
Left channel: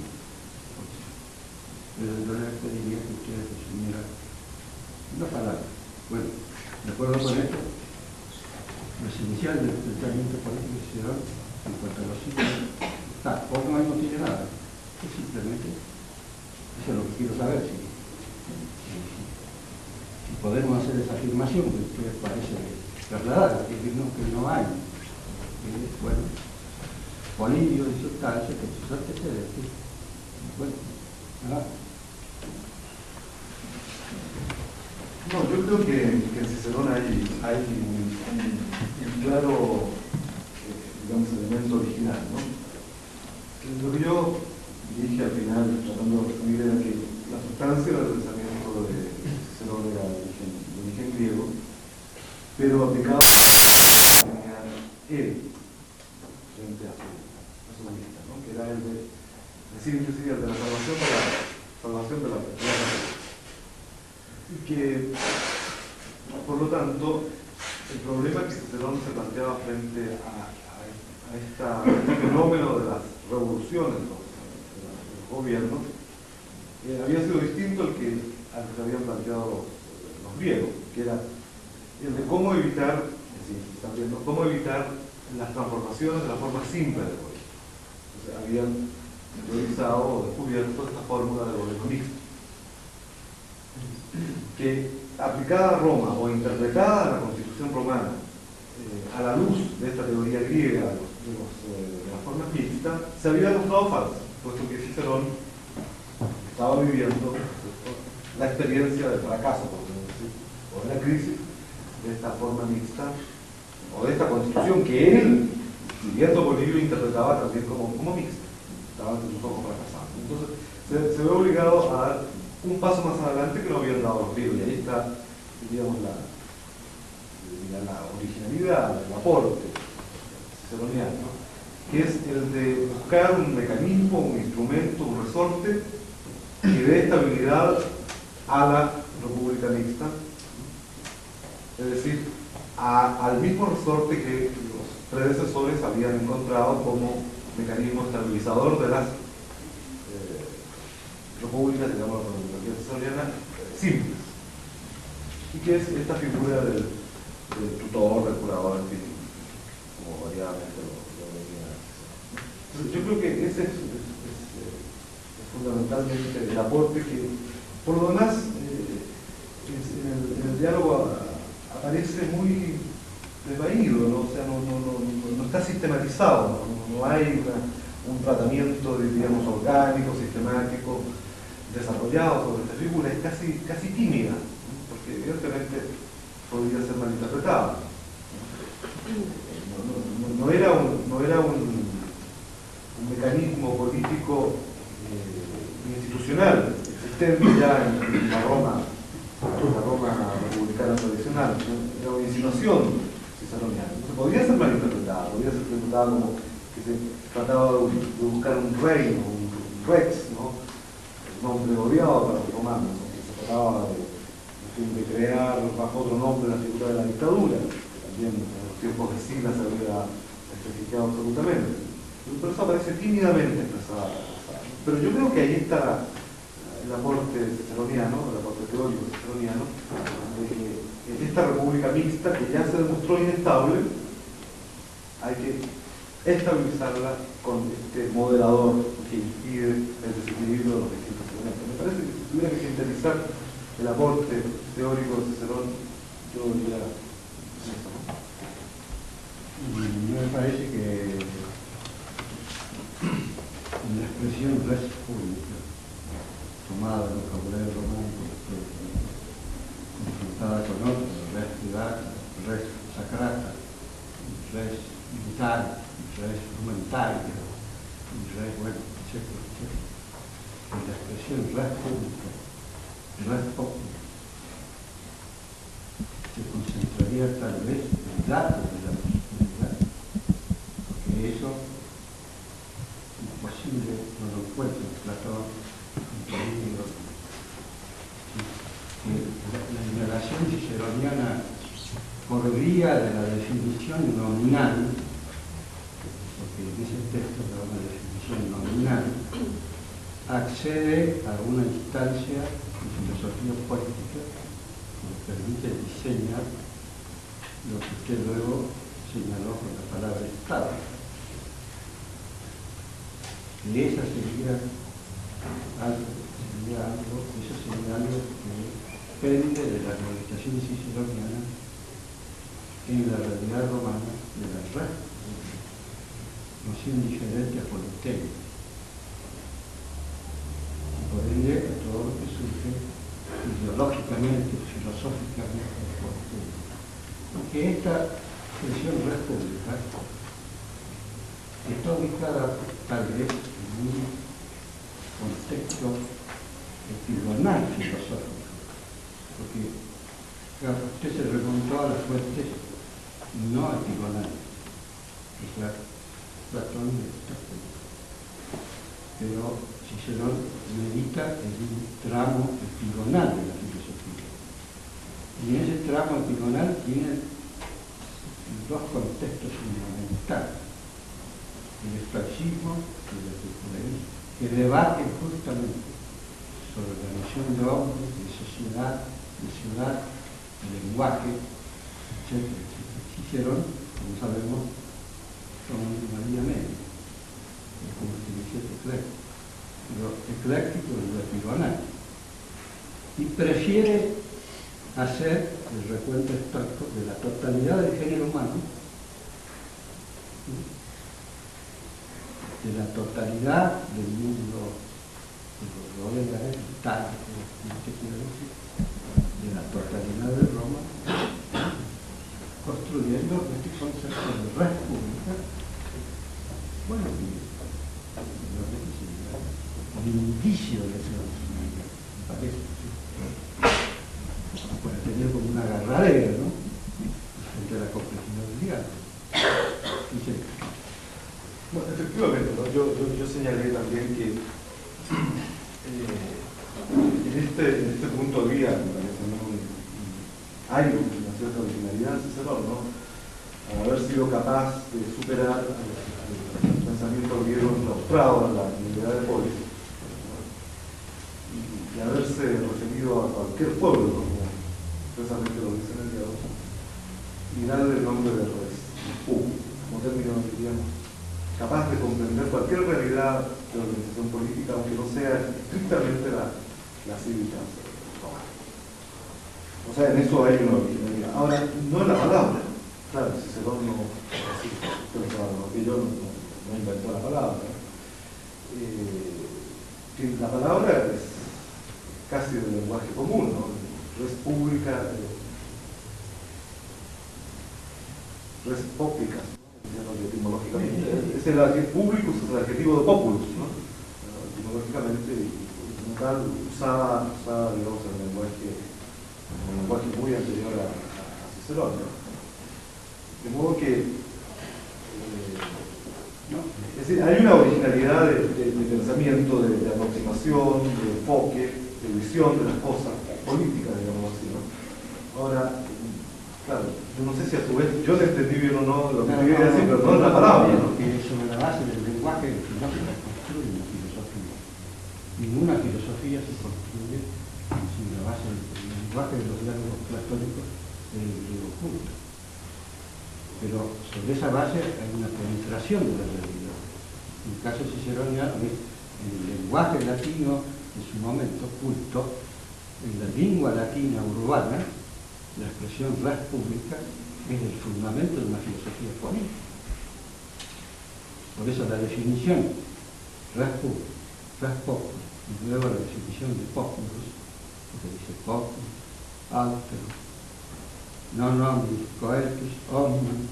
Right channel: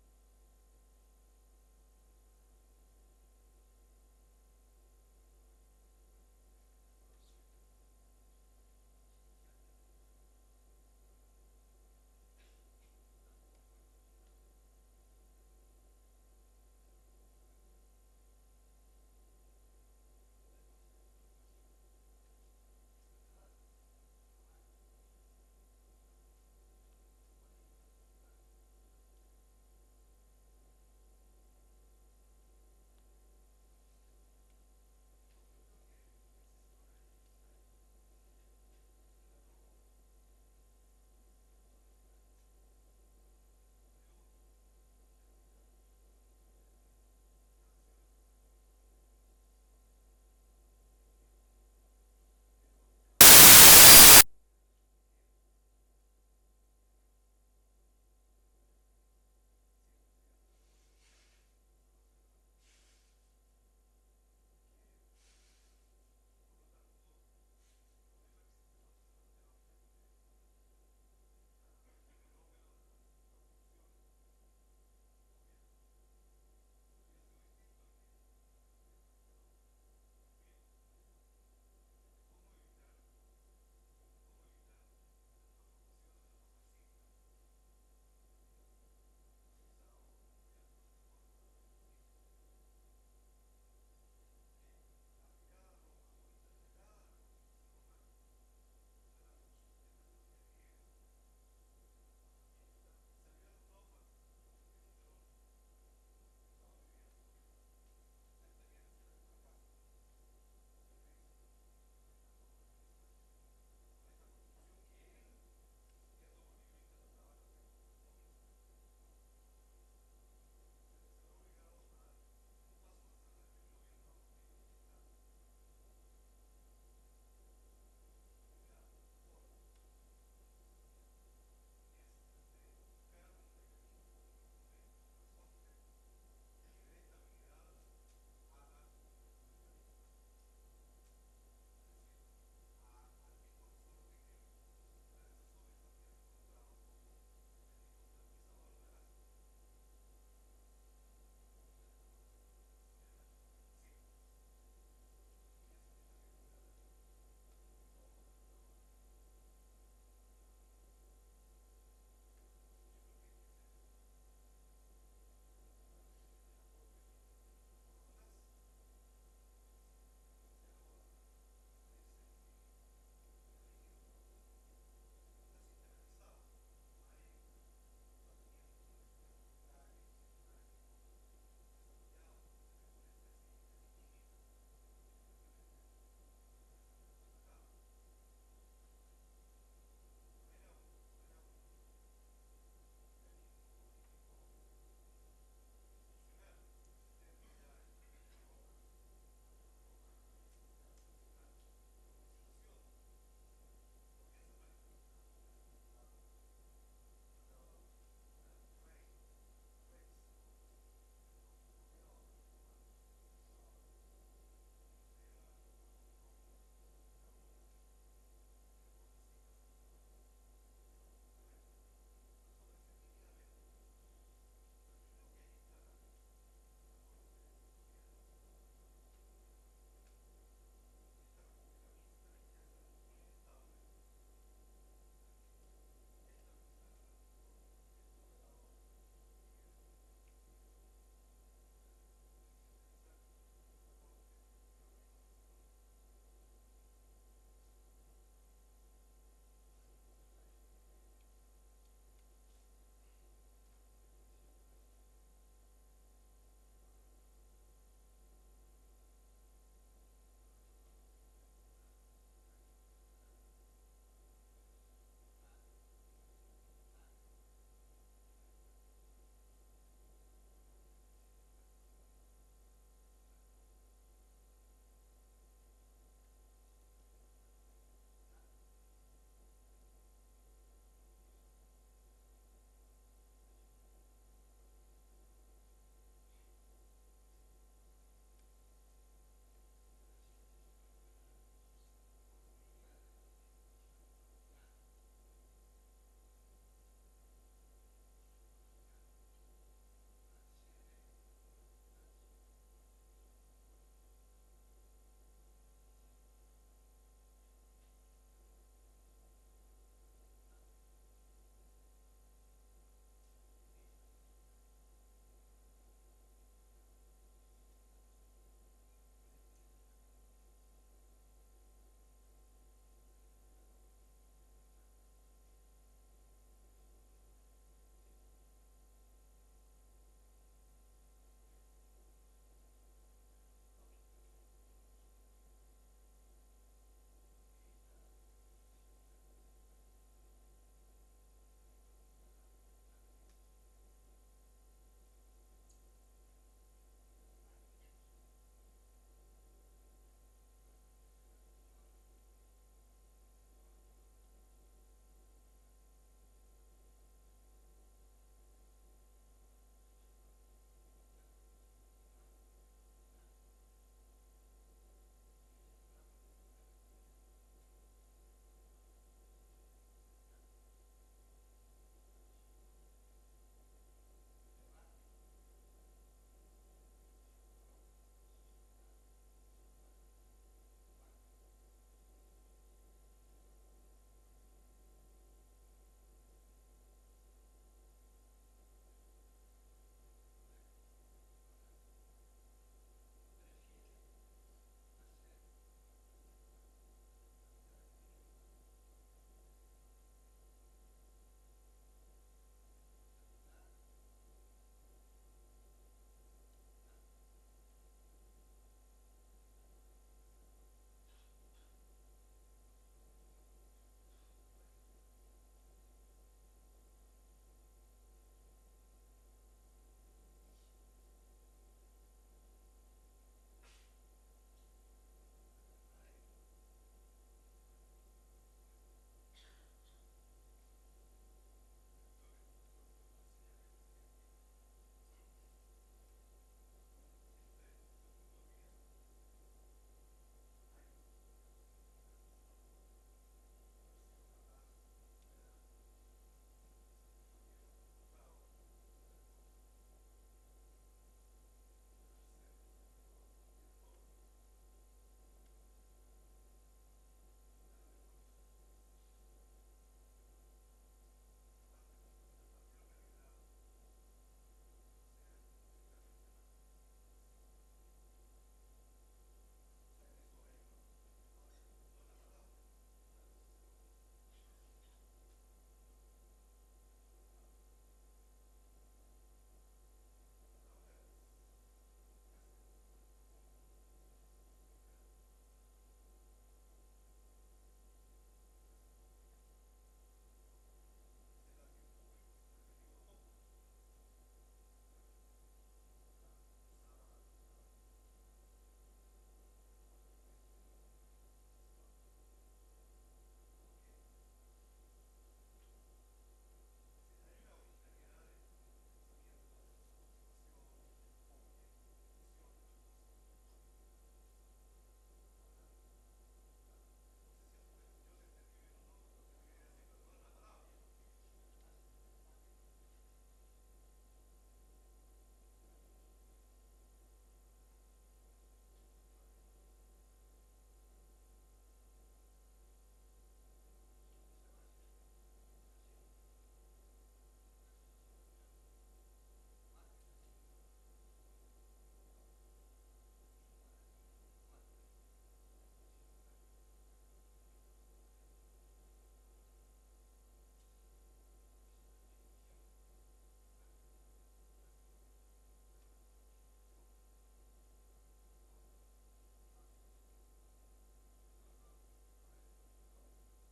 Pero yo le pediría que usted resumiera una palabra. Bueno, de acuerdo con esto, lo esencial del pensamiento político de Cicerón en cuanto a los ciclos está, o no tiene nada. Es simplemente, eso es lo que quiero saber, si podemos hacer esa afirmación que usted parece trasladar, que no hay. Bueno, Polibio y sustancia que sus antecedentes. Bueno, nada. No, yo creo que en Cicerón hay un claro, digamos, elemento original, ¿no? Lo que yo dije al final, tratando de resumir, era que la sustancia del pensamiento de Cicerón era de origen griego, pero aplicado a él frente a su vista, ¿no? Que era el de decir inclusive el de la salvación de la persona. Y que, por lo tanto, el problema que Cicerón se planteaba frente a este fenómeno de las revoluciones de los gobiernos había sido distinto al que se habían planteado los griegos, que era el de cómo evitar, cómo evitar las transformaciones de la forma simple del gobierno. Entonces habían teorizado o descubierto esta fórmula del gobierno mixto, que aplicada a Roma o interpretada a la Constitución romana a la luz de esta teoría griega de la forma mixta, se había demostrado falsa, puesto que Cicerón estaba viviendo la experiencia del fracaso, por decir, o de la crisis de esta forma mixta, o de esta Constitución que él, viviendo Polibio, interpretaba también como mixta, estaba ante sus ojos fracasando. Entonces se ve obligado a dar un paso más adelante que no habían dado los griegos, y ahí está, digamos, la originalidad, el aporte ciceroniano, que es el de buscar un mecanismo, un instrumento, un resorte que dé estabilidad a la república mixta, es decir, al mismo resorte que los predecesores habían encontrado como mecanismo estabilizador de las repúblicas, digamos, la monarquía ciceroniana, simples, y que es esta figura del tutor, del curador, en fin, como variadamente lo venía. Entonces, yo creo que ese es fundamentalmente el aporte que, por lo demás, en el diálogo aparece muy desvaído, ¿no? O sea, no está sistematizado, no hay un tratamiento, digamos, orgánico, sistemático, desarrollado sobre esta figura, es casi tímida, ¿no? Porque evidentemente podría ser malinterpretada. No era un mecanismo político institucional existente ya en la Roma republicana tradicional, ¿no? Era una insinuación ciceroniana. Entonces podría ser malinterpretada, podría ser interpretada como que se trataba de buscar un reino, un rex, ¿no? El nombre odiado para los romanos, ¿no? Que se trataba de crear bajo otro nombre la figura de la dictadura, que también en los tiempos de Sila se había especificado absolutamente. Pero eso aparece tímidamente expresada. Pero yo creo que ahí está el aporte ciceroniano, el aporte teórico ciceroniano, en esta república mixta que ya se demostró inestable, hay que estabilizarla con este moderador que impide el desequilibrio de los distintos elementos. Me parece que si tuviera que sintetizar el aporte teórico de Cicerón, yo diría eso, ¿no? Me parece que la expresión res pública, tomada del vocabulario románico, confrontada con otros, res privata, res sacrata, res militar, res humanitaria, res, bueno, etcétera, etcétera. En la expresión res pública, res popular, se concentraría tal vez el dato de la posibilidad, porque eso imposible no lo encuentra en Platón, en Polibio. La indagación ciceroniana, por vía de la definición nominal, porque en ese texto da una definición nominal, accede a una instancia de filosofía política que nos permite diseñar lo que usted luego señaló con la palabra Estado. Y esa sería algo que depende de la argumentación ciceroniana en la realidad romana de la res, noción diferente a politeia. Y por ende a todo lo que surge ideológicamente, filosóficamente de politeia. Porque esta expresión res pública está ubicada tal vez en un contexto epigonal filosófico, porque claro, usted se remontó a las fuentes no epigonales, o sea, Platón y Aristóteles, pero Cicerón medita en un tramo epigonal de la filosofía, y en ese tramo epigonal tiene dos contextos fundamentales: el estoicismo y el epicuraísmo, que debaten justamente sobre la noción de hombre, de sociedad, de ciudad, de lenguaje, etc. Cicerón, como sabemos, son una vía media, es como se dice ecléctico, pero ecléctico es lo epigonal, y prefiere hacer el recuento estoico de la totalidad del género humano, de la totalidad del mundo que lo rodea, vital, de la totalidad de Roma, construyendo este concepto de res pública, bueno, un indicio de esa posibilidad, me parece, ¿sí? Puede tener como una agarradera, ¿no?, frente a la complejidad del diálogo. Bueno, efectivamente, ¿no? Yo señalé también que en este punto de vía, me parece, ¿no?, hay una cierta originalidad en Cicerón, ¿no?, al haber sido capaz de superar el pensamiento griego enclaustrado en la unidad de polis, y haberse referido a cualquier pueblo, como expresamente lo dice en el diálogo, y darle el nombre de res, como término, digamos, capaz de comprender cualquier realidad de la organización política, aunque no sea estrictamente la cívica romana. O sea, en eso hay una originalidad. Ahora, no es la palabra. Claro, Cicerón no, así, que yo no inventó la palabra. La palabra es casi del lenguaje común, ¿no? Res pública, res pública, etimológicamente. Es el adjetivo publicus, es el adjetivo de populus, ¿no? Etimológicamente, como tal, usada digamos, en un lenguaje muy anterior a Cicerón, ¿no? De modo que es decir, hay una originalidad de pensamiento, de aproximación, de enfoque, de visión de las cosas políticas, digamos así, ¿no? Ahora, claro, yo no sé si a su vez, yo le entendí bien o no lo que quería decir, pero no es la palabra, ¿no? Que sobre la base del lenguaje no se construye una filosofía. Ninguna filosofía se construye sobre la base del lenguaje de los diálogos platónicos del griego culto. Pero sobre esa base hay una penetración de la realidad. En el caso ciceroniano, en el lenguaje latino, en su momento culto, en la lengua latina urbana, la expresión res publica es el fundamento de una filosofía política. Por eso la definición res populi, y luego la definición de populus, porque dice populus, altero, non omnis coetus, omnium,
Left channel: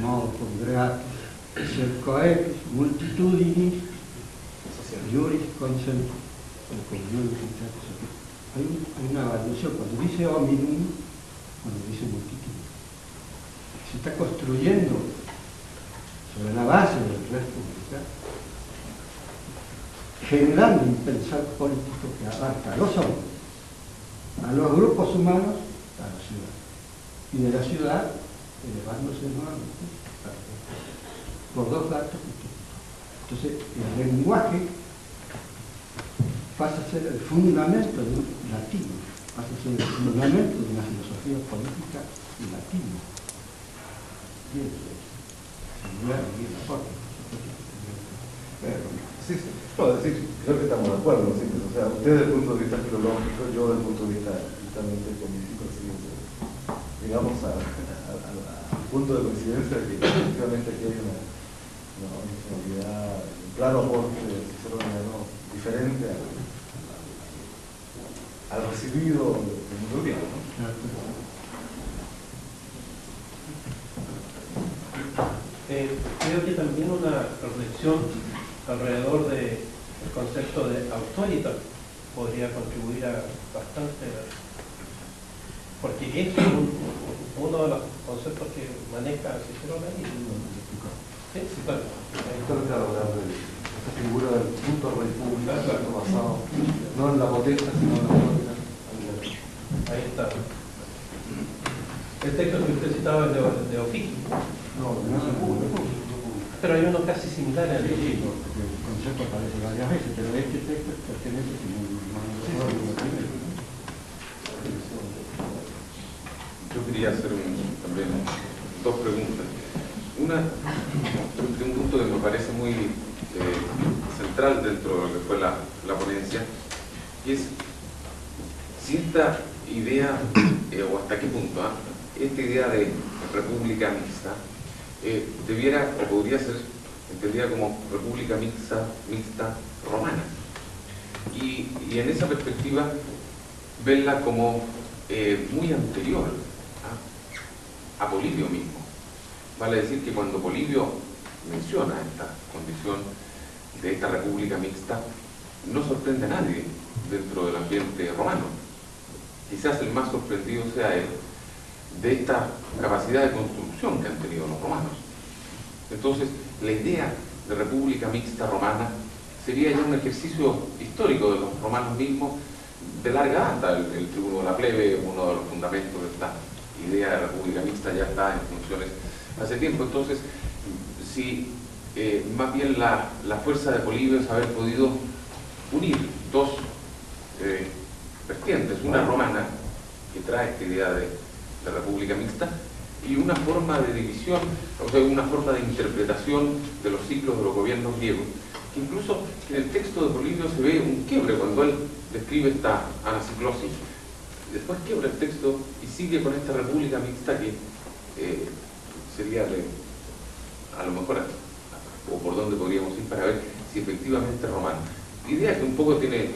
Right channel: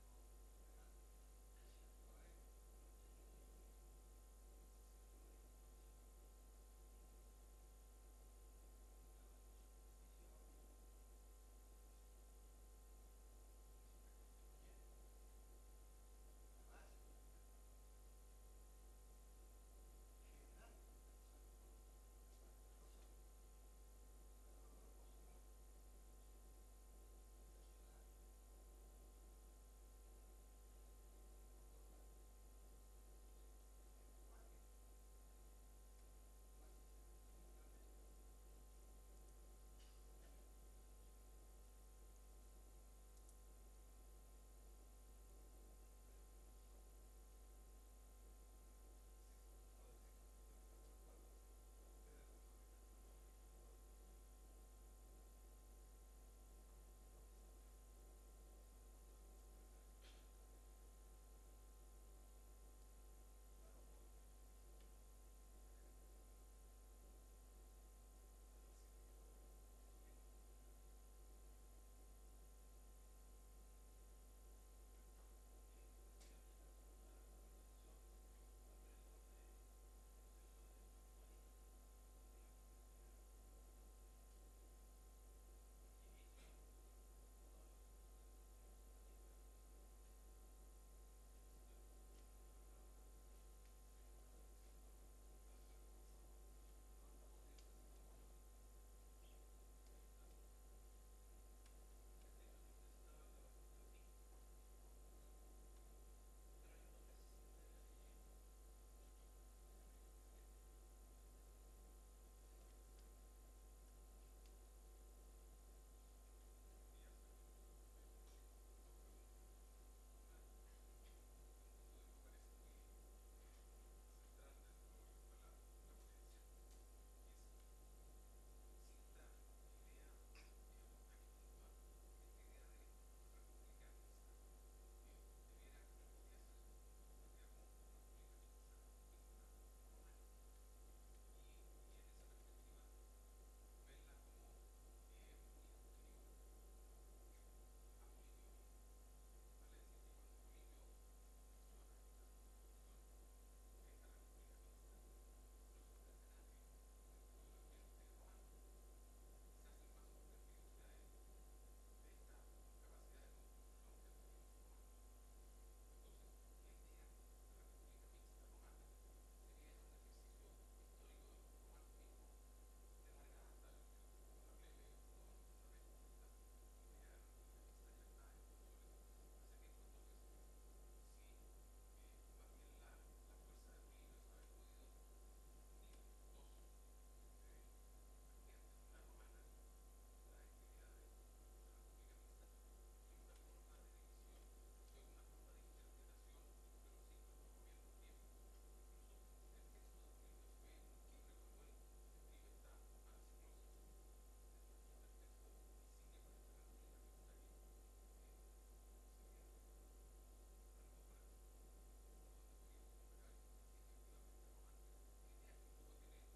modo congreatus, sed coetus, multitudinis, juris consentus. Hay una variación, cuando dice hominum, cuando dice multitud. Se está construyendo sobre la base del res publica, generando un pensar político que abarca a los hombres, a los grupos humanos, a la ciudad. Y de la ciudad, elevándose nuevamente por dos datos. Entonces, el lenguaje pasa a ser el fundamento de un latino, pasa a ser el fundamento de una filosofía política latina. Y eso es, sin duda, y la forma. Sí, sí. No, es decir, creo que estamos de acuerdo, ¿sí? O sea, usted desde el punto de vista filológico, yo desde el punto de vista estrictamente político, ¿sí? Digamos al punto de coincidencia de que efectivamente aquí hay una originalidad, un claro aporte ciceroniano diferente al recibido de mundo griego, ¿no? Creo que también una reflexión alrededor del concepto de autoritas podría contribuir bastante, porque es uno de los conceptos que maneja Cicerón ahí. Sí, claro. Claro, esta figura del punto república, basado no en la potencia, sino en la autoridad. Ahí está. El texto que usted citaba es de Oficio. No es público. Pero hay uno casi similar al Sí, porque el concepto aparece varias veces, pero este texto pertenece a Yo quería hacer también dos preguntas. Una, de un punto que me parece muy central dentro de lo que fue la ponencia, y es si esta idea, o hasta qué punto, esta idea de república mixta, debiera o podría ser entendida como república mixta romana. Y en esa perspectiva, verla como muy anterior a Polibio mismo. Vale decir que cuando Polibio menciona esta condición de esta república mixta, no sorprende a nadie dentro del ambiente romano. Quizás el más sorprendido sea él de esta capacidad de construcción que han tenido los romanos. Entonces, la idea de república mixta romana sería ya un ejercicio histórico de los romanos mismos de larga data. El tribuno de la plebe, uno de los fundamentos de esta idea de república mixta, ya está en funciones hace tiempo. Entonces, si más bien la fuerza de Polibio es haber podido unir dos vertientes, una romana que trae esta idea de república mixta y una forma de división, o sea, una forma de interpretación de los ciclos de los gobiernos griegos, que incluso en el texto de Polibio se ve un quiebre cuando él describe esta anaciclosis. Después quiebra el texto y sigue con esta república mixta que sería a lo mejor o por dónde podríamos ir para ver si efectivamente es romano. La idea que un poco tiene,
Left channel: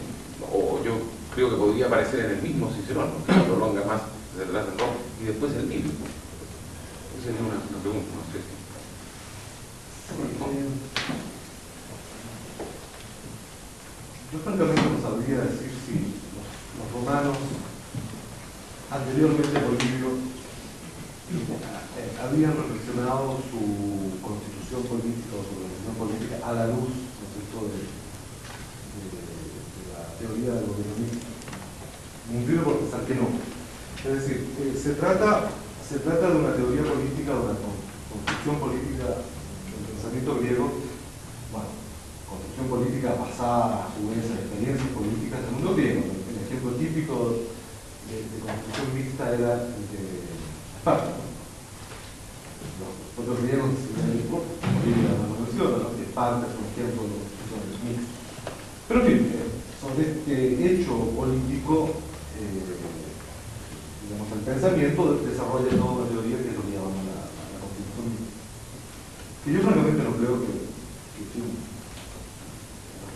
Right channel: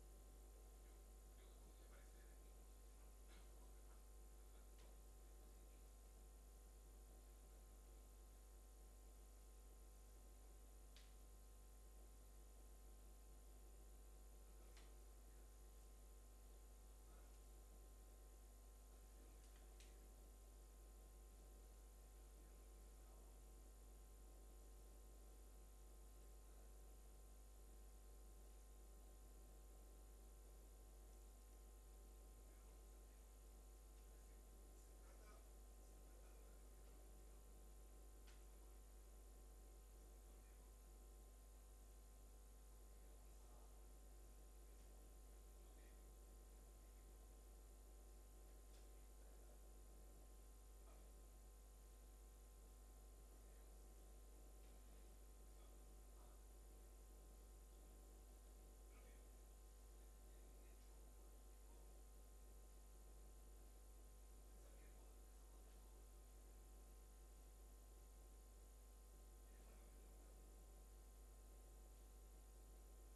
o yo creo que podría aparecer en el mismo Cicerón, que lo prolonga más desde atrás en Roma, y después el mismo. Esa sería una pregunta, no sé si. Yo francamente no sabría decir si los romanos, anteriormente a Polibio, habían reflexionado su constitución política o su organización política a la luz, ¿no es cierto?, de la teoría del gobierno mixto. Me inclino por pensar que no. Es decir, se trata de una teoría política, de una construcción política del pensamiento griego, bueno, construcción política basada a su vez en experiencias políticas del mundo griego. El ejemplo típico de construcción mixta era el de Esparta. Los propios griegos Bolivia no menciona, ¿no? Esparta es un ejemplo de construcción mixta. Pero en fin, sobre este hecho político, digamos, el pensamiento desarrolla toda una teoría que es lo que llamamos la constitución mixta. Que yo francamente no creo que los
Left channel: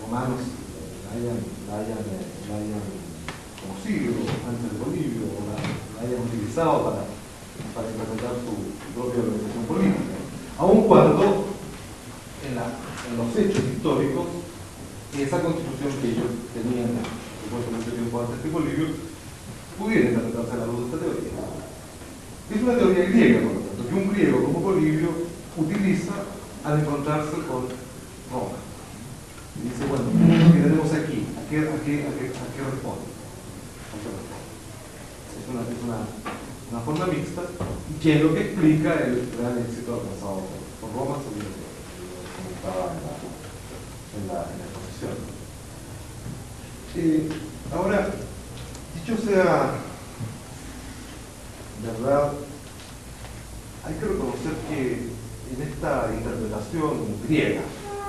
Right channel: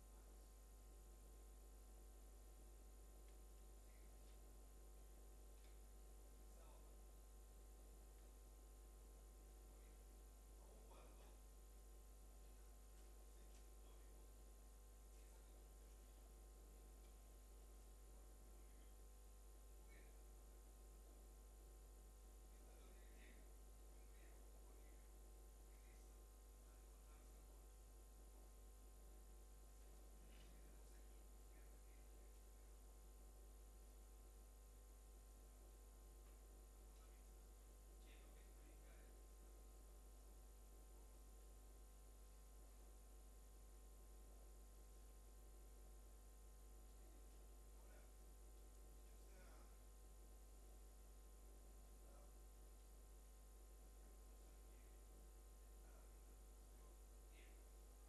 romanos la hayan conocido antes de Polibio, o la hayan utilizado para implementar su propia organización política, aun cuando en los hechos históricos esa constitución que ellos tenían mucho tiempo antes de Polibio pudiera interpretarse a la luz de esta teoría. Es una teoría griega, por lo tanto, que un griego como Polibio utiliza al encontrarse con Roma. Y dice, bueno, ¿qué tenemos aquí? ¿A qué responde? Es una forma mixta, que es lo que explica el gran éxito alcanzado por Roma, según lo que comentaba en la exposición. Ahora, dicho sea verdad, hay que reconocer que en esta interpretación griega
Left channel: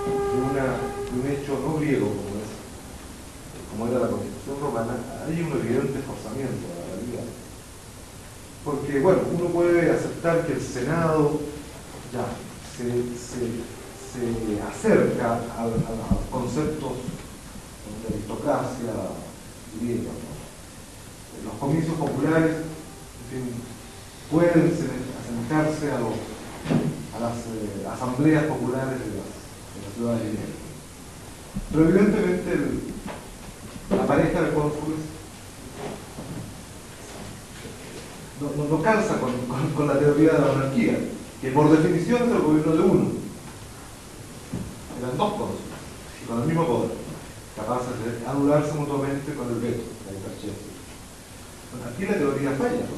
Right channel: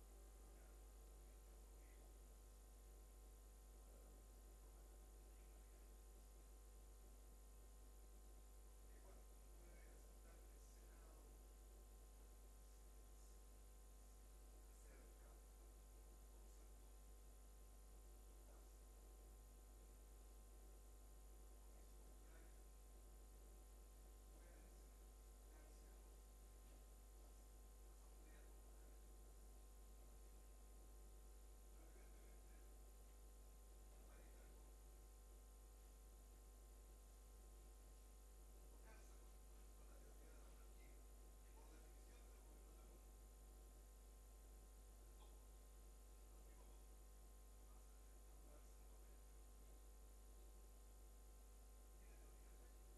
de un hecho no griego como era la Constitución romana, hay un evidente forzamiento a la realidad. Porque, bueno, uno puede aceptar que el Senado ya se acerca a los conceptos de aristocracia griega, ¿no? Los comicios populares, en fin, pueden asemejarse a las asambleas populares de las ciudades griegas. Pero evidentemente la pareja de cónsules no calza con la teoría de la monarquía, que por definición es el gobierno de uno. Eran dos cónsules, y con el mismo poder, capaces de anularse mutuamente con el veto, la intercesión. Bueno, aquí la teoría falla, ¿no?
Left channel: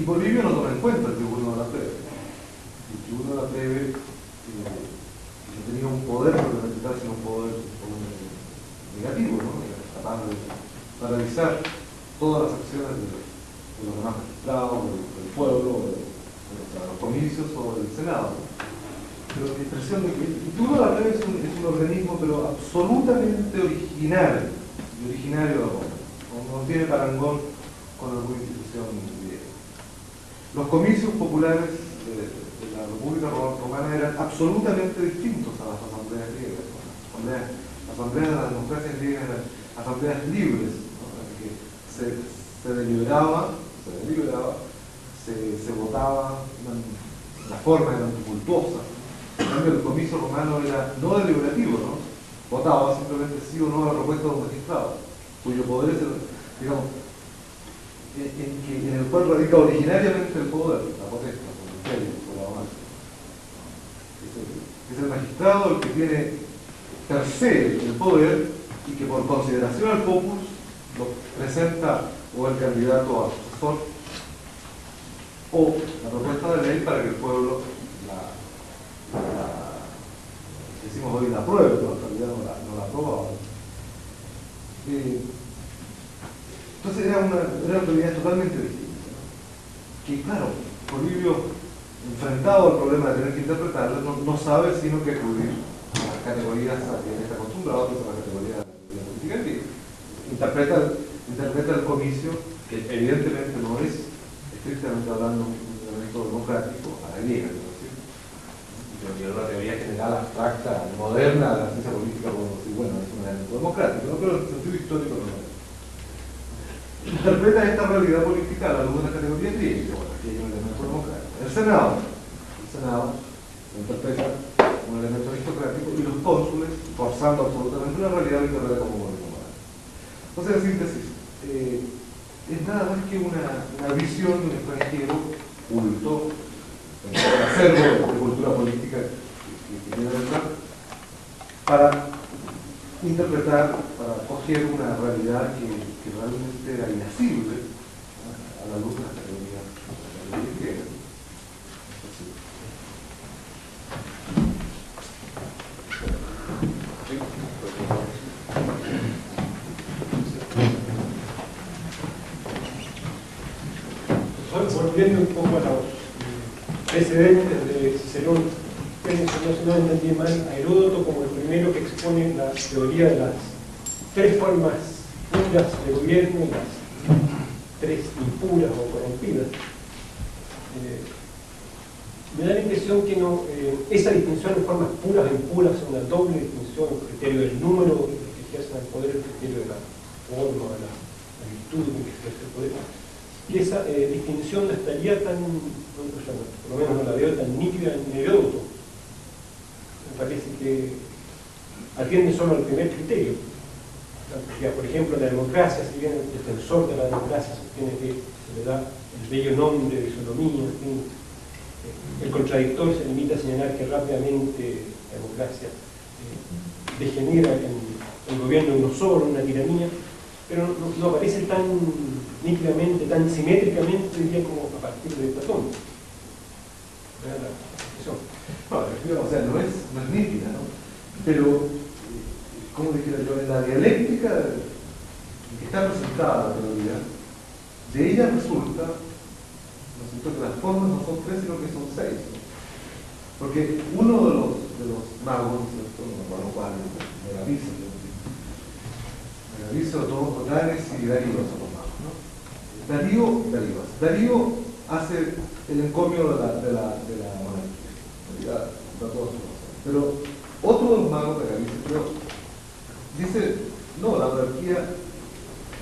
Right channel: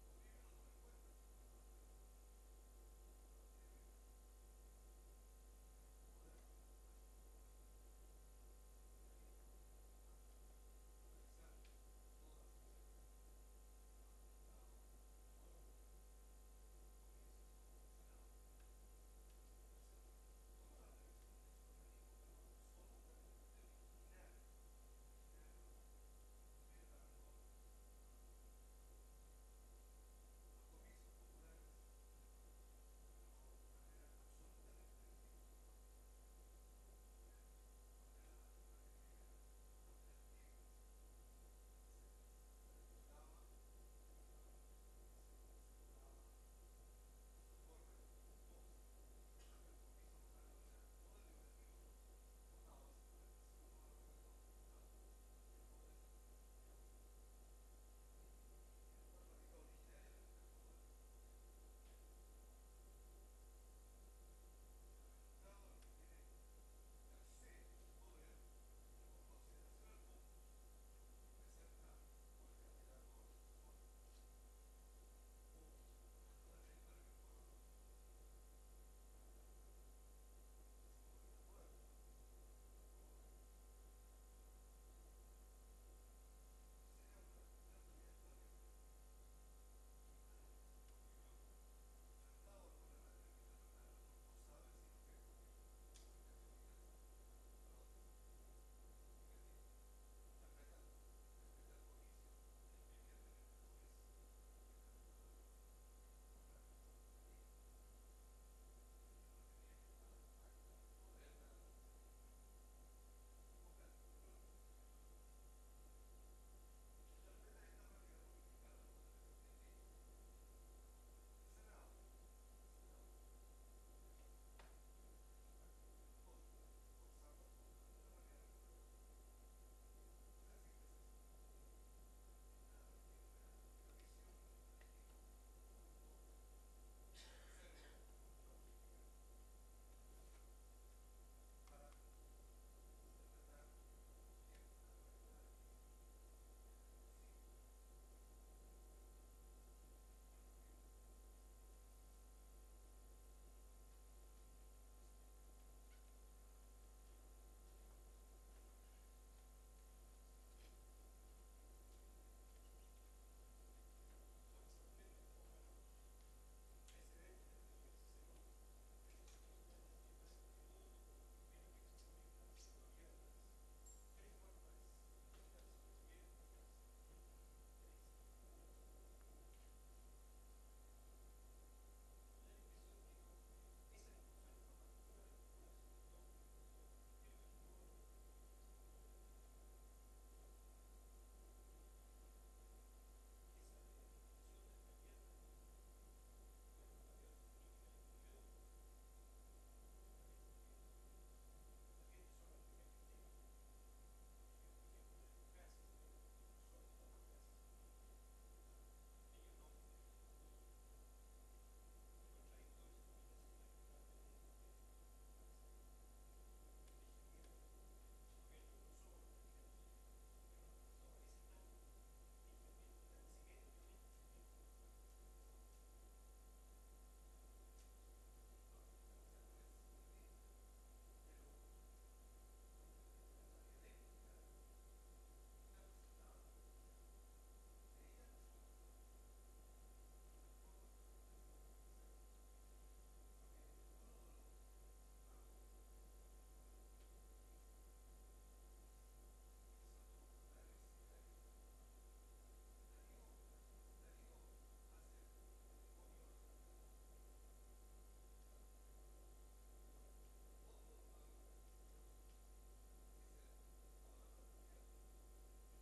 Y Polibio no toma en cuenta el tribuno de la plebe. El tribuno de la plebe no tenía un poder fundamental, sino un poder negativo, ¿no? Capaz de paralizar todas las acciones de los demás magistrados, del pueblo, de los comicios o del Senado. Pero la impresión de que el tribuno de la plebe es un organismo, pero absolutamente originario de Roma. No tiene parangón con alguna institución griega. Los comicios populares de la República Romana eran absolutamente distintos a las asambleas griegas. Las asambleas de las democracias griegas eran asambleas libres, ¿no? En las que se deliberaba, se votaba, la forma era tumultuosa. En cambio, el comicio romano era no deliberativo, ¿no? Votaba simplemente sí o no a la propuesta de un magistrado, cuyo poder es, digamos, en el cual radica originariamente el poder, la potestad, el imperio, por la mano. Es el magistrado el que tiene per se el poder y que por consideración al popus lo presenta o el candidato a sucesor o la propuesta de ley para que el pueblo decimos hoy la apruebe, pero en realidad no la aprobaba. Entonces era una autoridad totalmente distinta, ¿no? Que claro, Polibio, enfrentado al problema de tener que interpretarla, no sabe sino que acudir a las categorías a que está acostumbrado, que son las categorías de la política griega. Interpreta el comicio, que evidentemente no es, estrictamente hablando, un elemento democrático, a la griega, ¿no? Es una teoría general, abstracta, moderna de la ciencia política, podemos decir, bueno, es un elemento democrático, ¿no? Pero en el sentido histórico no es. Interpreta esta realidad política a la luz de la categoría griega, bueno, aquí hay un elemento democrático. El Senado lo interpreta como elemento aristocrático, y los cónsules forzando absolutamente la realidad lo interpreta como gobierno moral. Entonces, en síntesis, es nada más que una visión de un extranjero culto, un acervo de cultura política que tiene detrás, para interpretar, para coger una realidad que realmente era inasible a la luz de las categorías griegas. Volviendo un poco a los precedentes de Cicerón, si no entendí mal, a Heródoto como el primero que expone la teoría de las tres formas puras de gobierno y las tres impuras o corrompidas. Me da la impresión que no, esa distinción en formas puras e impuras es una doble distinción, el criterio del número que ejerce el poder, el criterio de la forma, de la virtud que ejerce el poder. Y esa distinción no estaría tan, por lo menos no la veo tan nítida en Heródoto. Me parece que atiende solo al primer criterio. Por ejemplo, la democracia, si bien el defensor de la democracia sostiene que se le da el bello nombre de isonomía, en fin, el contradictor se limita a señalar que rápidamente la democracia degenera en el gobierno de uno solo, una tiranía, pero no aparece tan nítidamente, tan simétricamente, diría, como a partir de Platón. No, o sea, no es nítida, ¿no? Pero, como dijera yo, en la dialéctica que está presentada la teoría, de ella resulta, ¿no es cierto?, que las formas no son tres, sino que son seis, ¿no? Porque uno de los magos, ¿no es cierto?, los cuales Totanes y Darío son los magos, ¿no? Darío hace el encomio de la monarquía, pero otro de los magos de Galicia, pero dice, no, la monarquía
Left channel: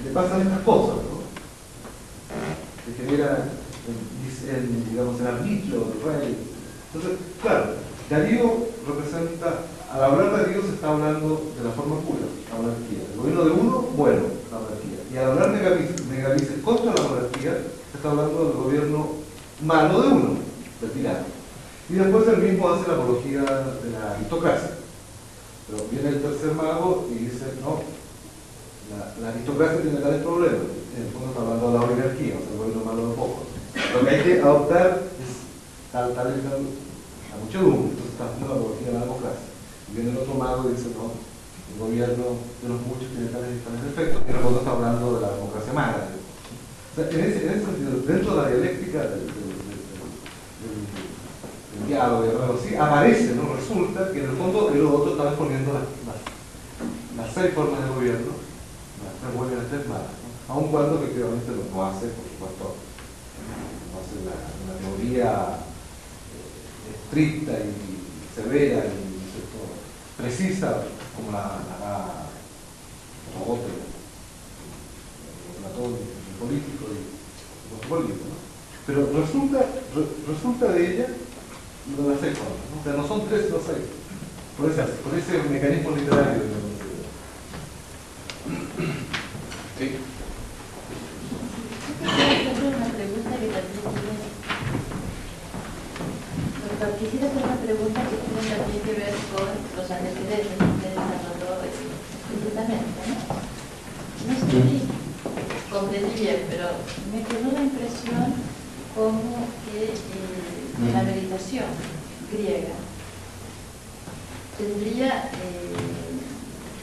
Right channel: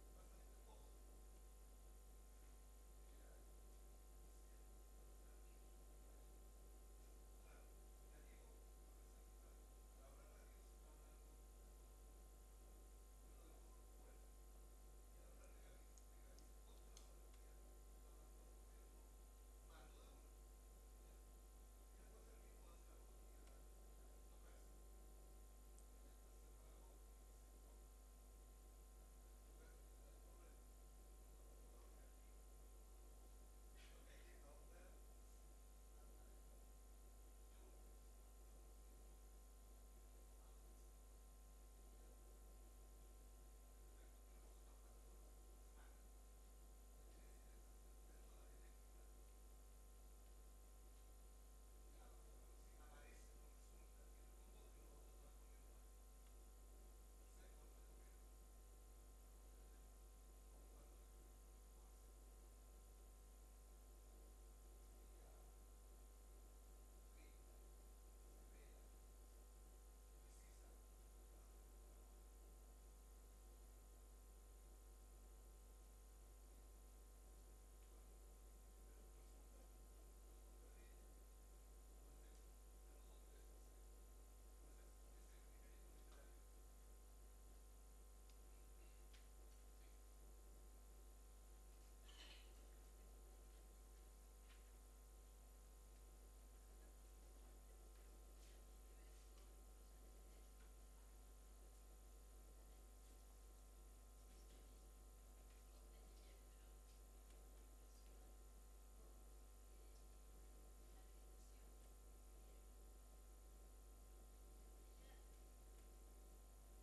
le pasan estas cosas, ¿no? Que genera digamos, el arbitrio del rey. Entonces, claro, Darío representa, al hablar de Darío se está hablando de la forma pura, la monarquía. El gobierno de uno, bueno, la monarquía. Y al hablar de Galicia contra la monarquía, se está hablando del gobierno malo de uno, del tirano. Y después él mismo hace la apología de la aristocracia. Pero viene el tercer mago y dice, no, la aristocracia tiene tales problemas. En el fondo está hablando de la oligarquía, o sea, el gobierno malo de pocos. Lo que hay que adoptar es tal la muchedumbre, entonces está haciendo la apología de la democracia. Y viene el otro mago y dice, no, el gobierno de los muchos tiene tales efectos, y en el fondo está hablando de la democracia mala. O sea, en ese sentido, dentro de la dialéctica del diálogo y algo así, aparece, ¿no? Resulta que en el fondo Heródoto está exponiendo las seis formas de gobierno, las tres buenas y las tres malas, ¿no? Aun cuando efectivamente lo hace, por supuesto, no hace una teoría estricta y severa y precisa como la Platón, el político y los políticos, ¿no? Pero resulta de ella lo de las seis formas, ¿no? O sea, no son tres, sino seis. Por ese mecanismo literario. Sí. Quisiera hacer una pregunta que tiene también que ver con los antecedentes que usted desarrolló explícitamente, ¿no? No sé si comprendí bien, pero me quedó la impresión como que la meditación griega tendría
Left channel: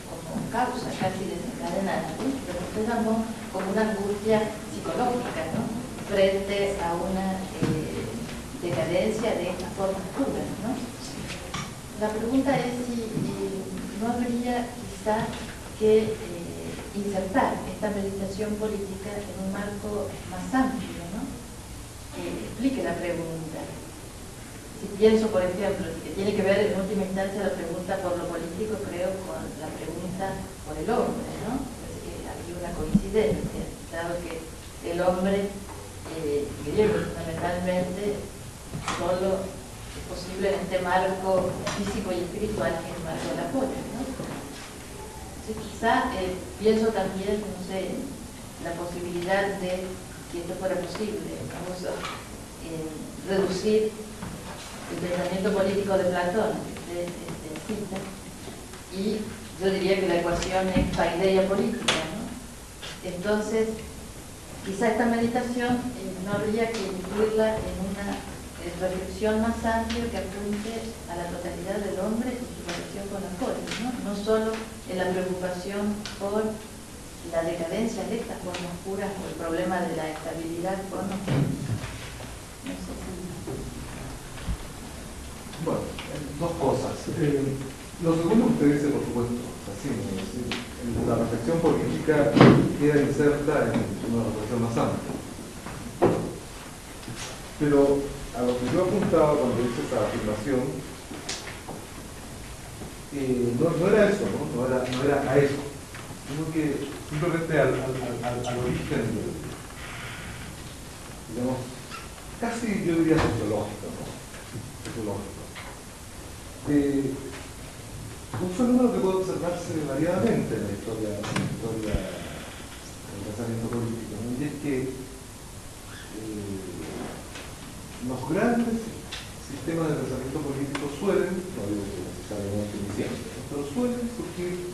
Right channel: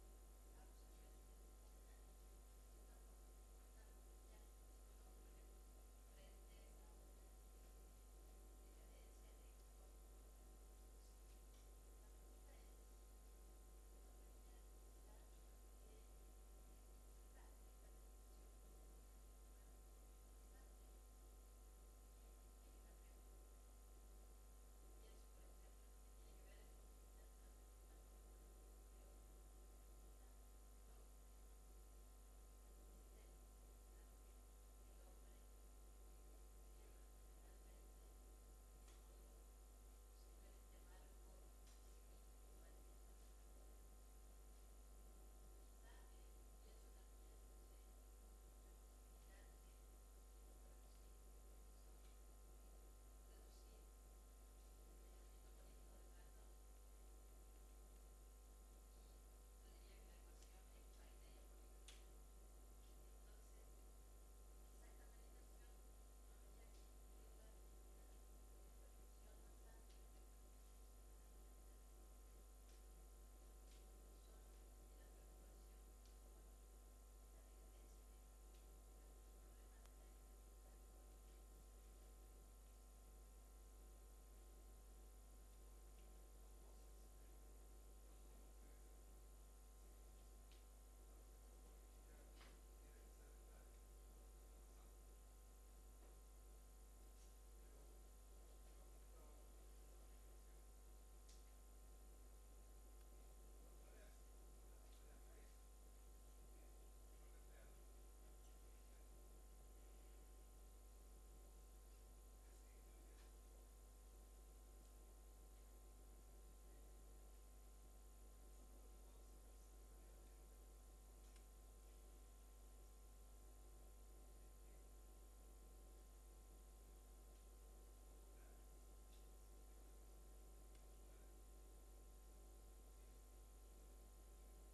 como causa casi desencadenante, lo que usted llamó como una angustia psicológica, ¿no? Frente a una decadencia de estas formas puras, ¿no? La pregunta es si no habría quizá que insertar esta meditación política en un marco más amplio, ¿no? Que explique la pregunta. Si pienso, por ejemplo, que tiene que ver en última instancia la pregunta por lo político, creo, con la pregunta por el hombre, ¿no? Es que había una coincidencia, dado que el hombre griego fundamentalmente solo posible en este marco físico y espiritual que es el marco de la polis, ¿no? Entonces, quizá pienso también, no sé, la posibilidad de, si esto fuera posible, vamos a reducir el pensamiento político de Platón, que usted cita, y yo diría que la ecuación es paideia política, ¿no? Entonces, quizá esta meditación no habría que incluirla en una reflexión más amplia que apunte a la totalidad del hombre y su relación con la polis, ¿no? No solo en la preocupación por la decadencia de estas formas puras o el problema de la estabilidad con los no sé si... Bueno, dos cosas. Lo segundo que usted dice, por supuesto, así, la reflexión política queda inserta en una reflexión más amplia. Pero a lo que yo apuntaba cuando hice esa afirmación, no era eso, ¿no? No era a eso, sino que simplemente al origen, digamos, casi yo diría sociológico, ¿no? Sociológico. Un fenómeno que puede observarse variadamente en la historia del pensamiento político, ¿no? Y es que los grandes sistemas de pensamiento político suelen, no digo que necesariamente ni siempre, ¿no? Pero suelen surgir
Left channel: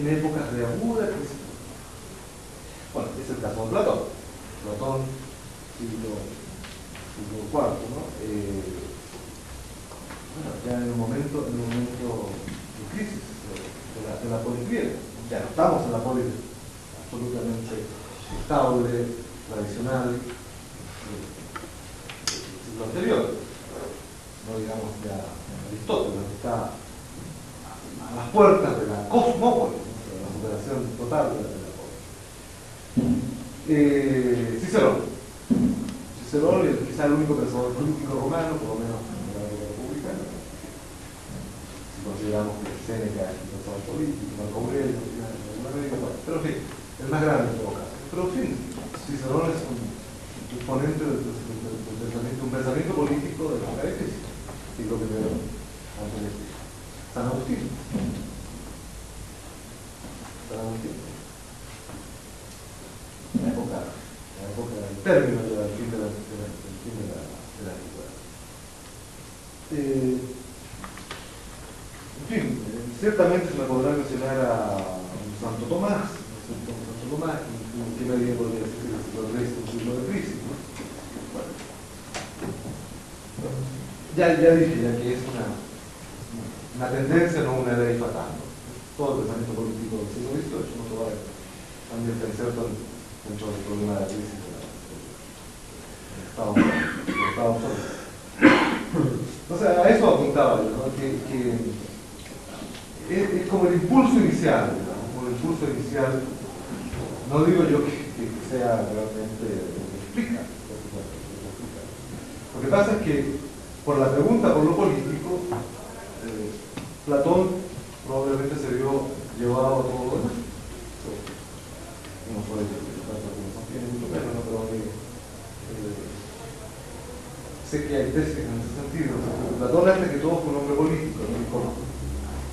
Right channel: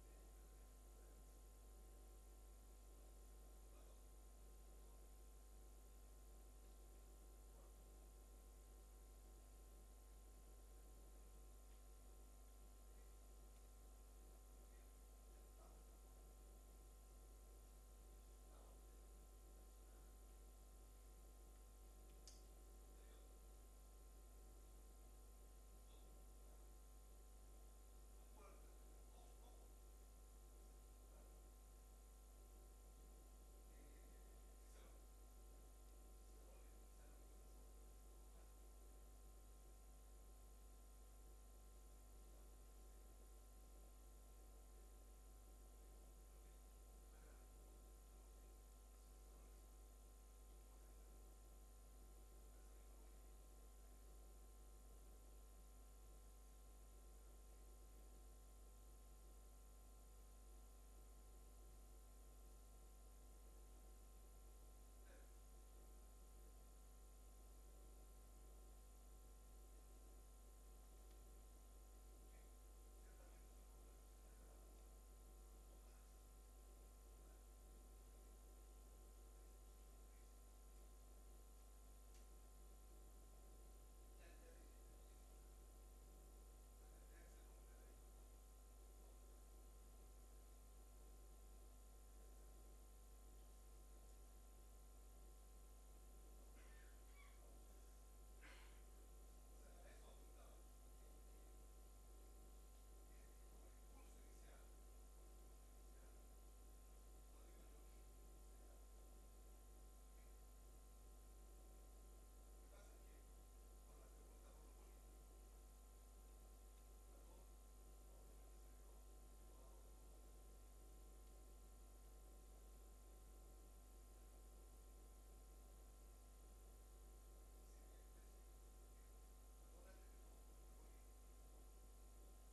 en épocas de aguda crisis. Bueno, es el caso de Platón. Platón, siglo IV, ¿no? Bueno, ya en un momento de crisis de la polis griega. Ya no estamos en la polis absolutamente estable, tradicional, lo anterior, no digamos ya Aristóteles, que está a las puertas de la cosmópolis, de la superación total de la polis. Cicerón es quizá el único pensador político romano, por lo menos en la época republicana. Si consideramos que Séneca es un pensador político, Marco Aurelio, en alguna medida, bueno, pero en fin, el más grande en todo caso. Pero en fin, Cicerón es un exponente del pensamiento político de la característica, siglo I antes de Cristo. San Agustín. La época del término del fin de la antigüedad. En fin, ciertamente se me podrá mencionar a Santo Tomás, que medida podría decir que es un siglo de crisis, ¿no? Ya dije que es una tendencia, no una ley fatal, ¿no? Todo el pensamiento político del siglo XVIII no se va a también pensar dentro del problema de la crisis del Estado Unidos. Entonces a eso apuntaba yo, ¿no? Que es como el impulso inicial, ¿no? Como el impulso inicial, no digo yo que sea realmente lo que explica. Lo que pasa es que por la pregunta por lo político, Platón probablemente se vio llevado a todo lo demás. No puede tiene mucho menos, ¿no? Pero sé que hay tesis en ese sentido. Platón, antes que todo, fue un hombre político, ¿no?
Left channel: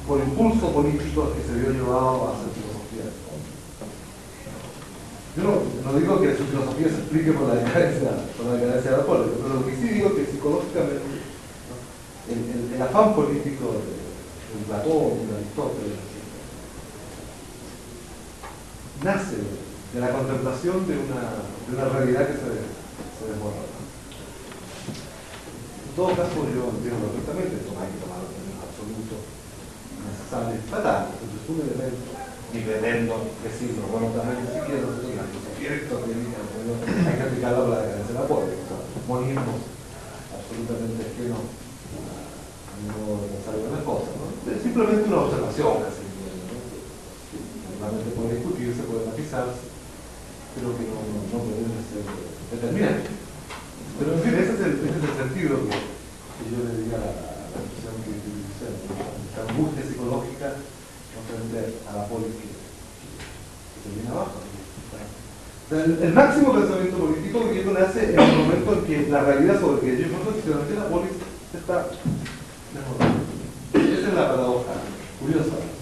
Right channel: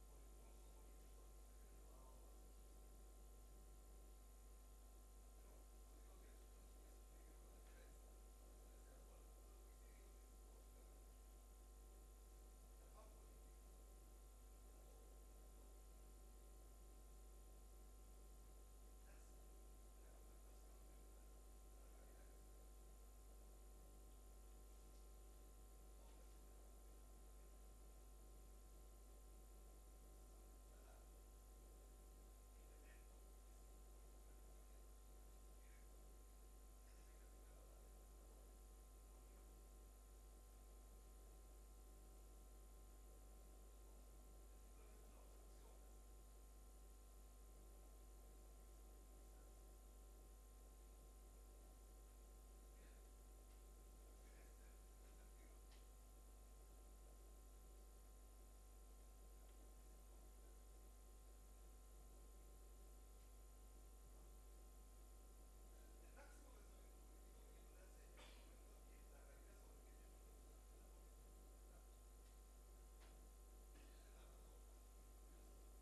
Por impulso político que se vio llevado a hacer filosofía. Yo no digo que su filosofía se explique por la decadencia de la polis, pero lo que sí digo es que psicológicamente, ¿no? el afán político de Platón, de Aristóteles, nace de la contemplación de una realidad que se desborda. En todo caso, yo entiendo perfectamente, esto no hay que tomarlo en absoluto necesario, fatal, es un elemento, ni pretendo decirlo, bueno, también ni siquiera la filosofía hay que aplicarla por la decadencia de la polis, o sea, monismos absolutamente ajenos no pensar algunas cosas, ¿no? Es simplemente una observación casi, ¿no? Que realmente puede discutirse, puede matizarse, pero que no pueden ser determinantes. Pero en fin, ese es el sentido que yo le diría a la expresión que utilicé, esta angustia psicológica no frente a la polis que se viene abajo. El máximo pensamiento político griego nace en el momento en que la realidad sobre que ellos no efectivamente la polis Esa es la paradoja curiosa.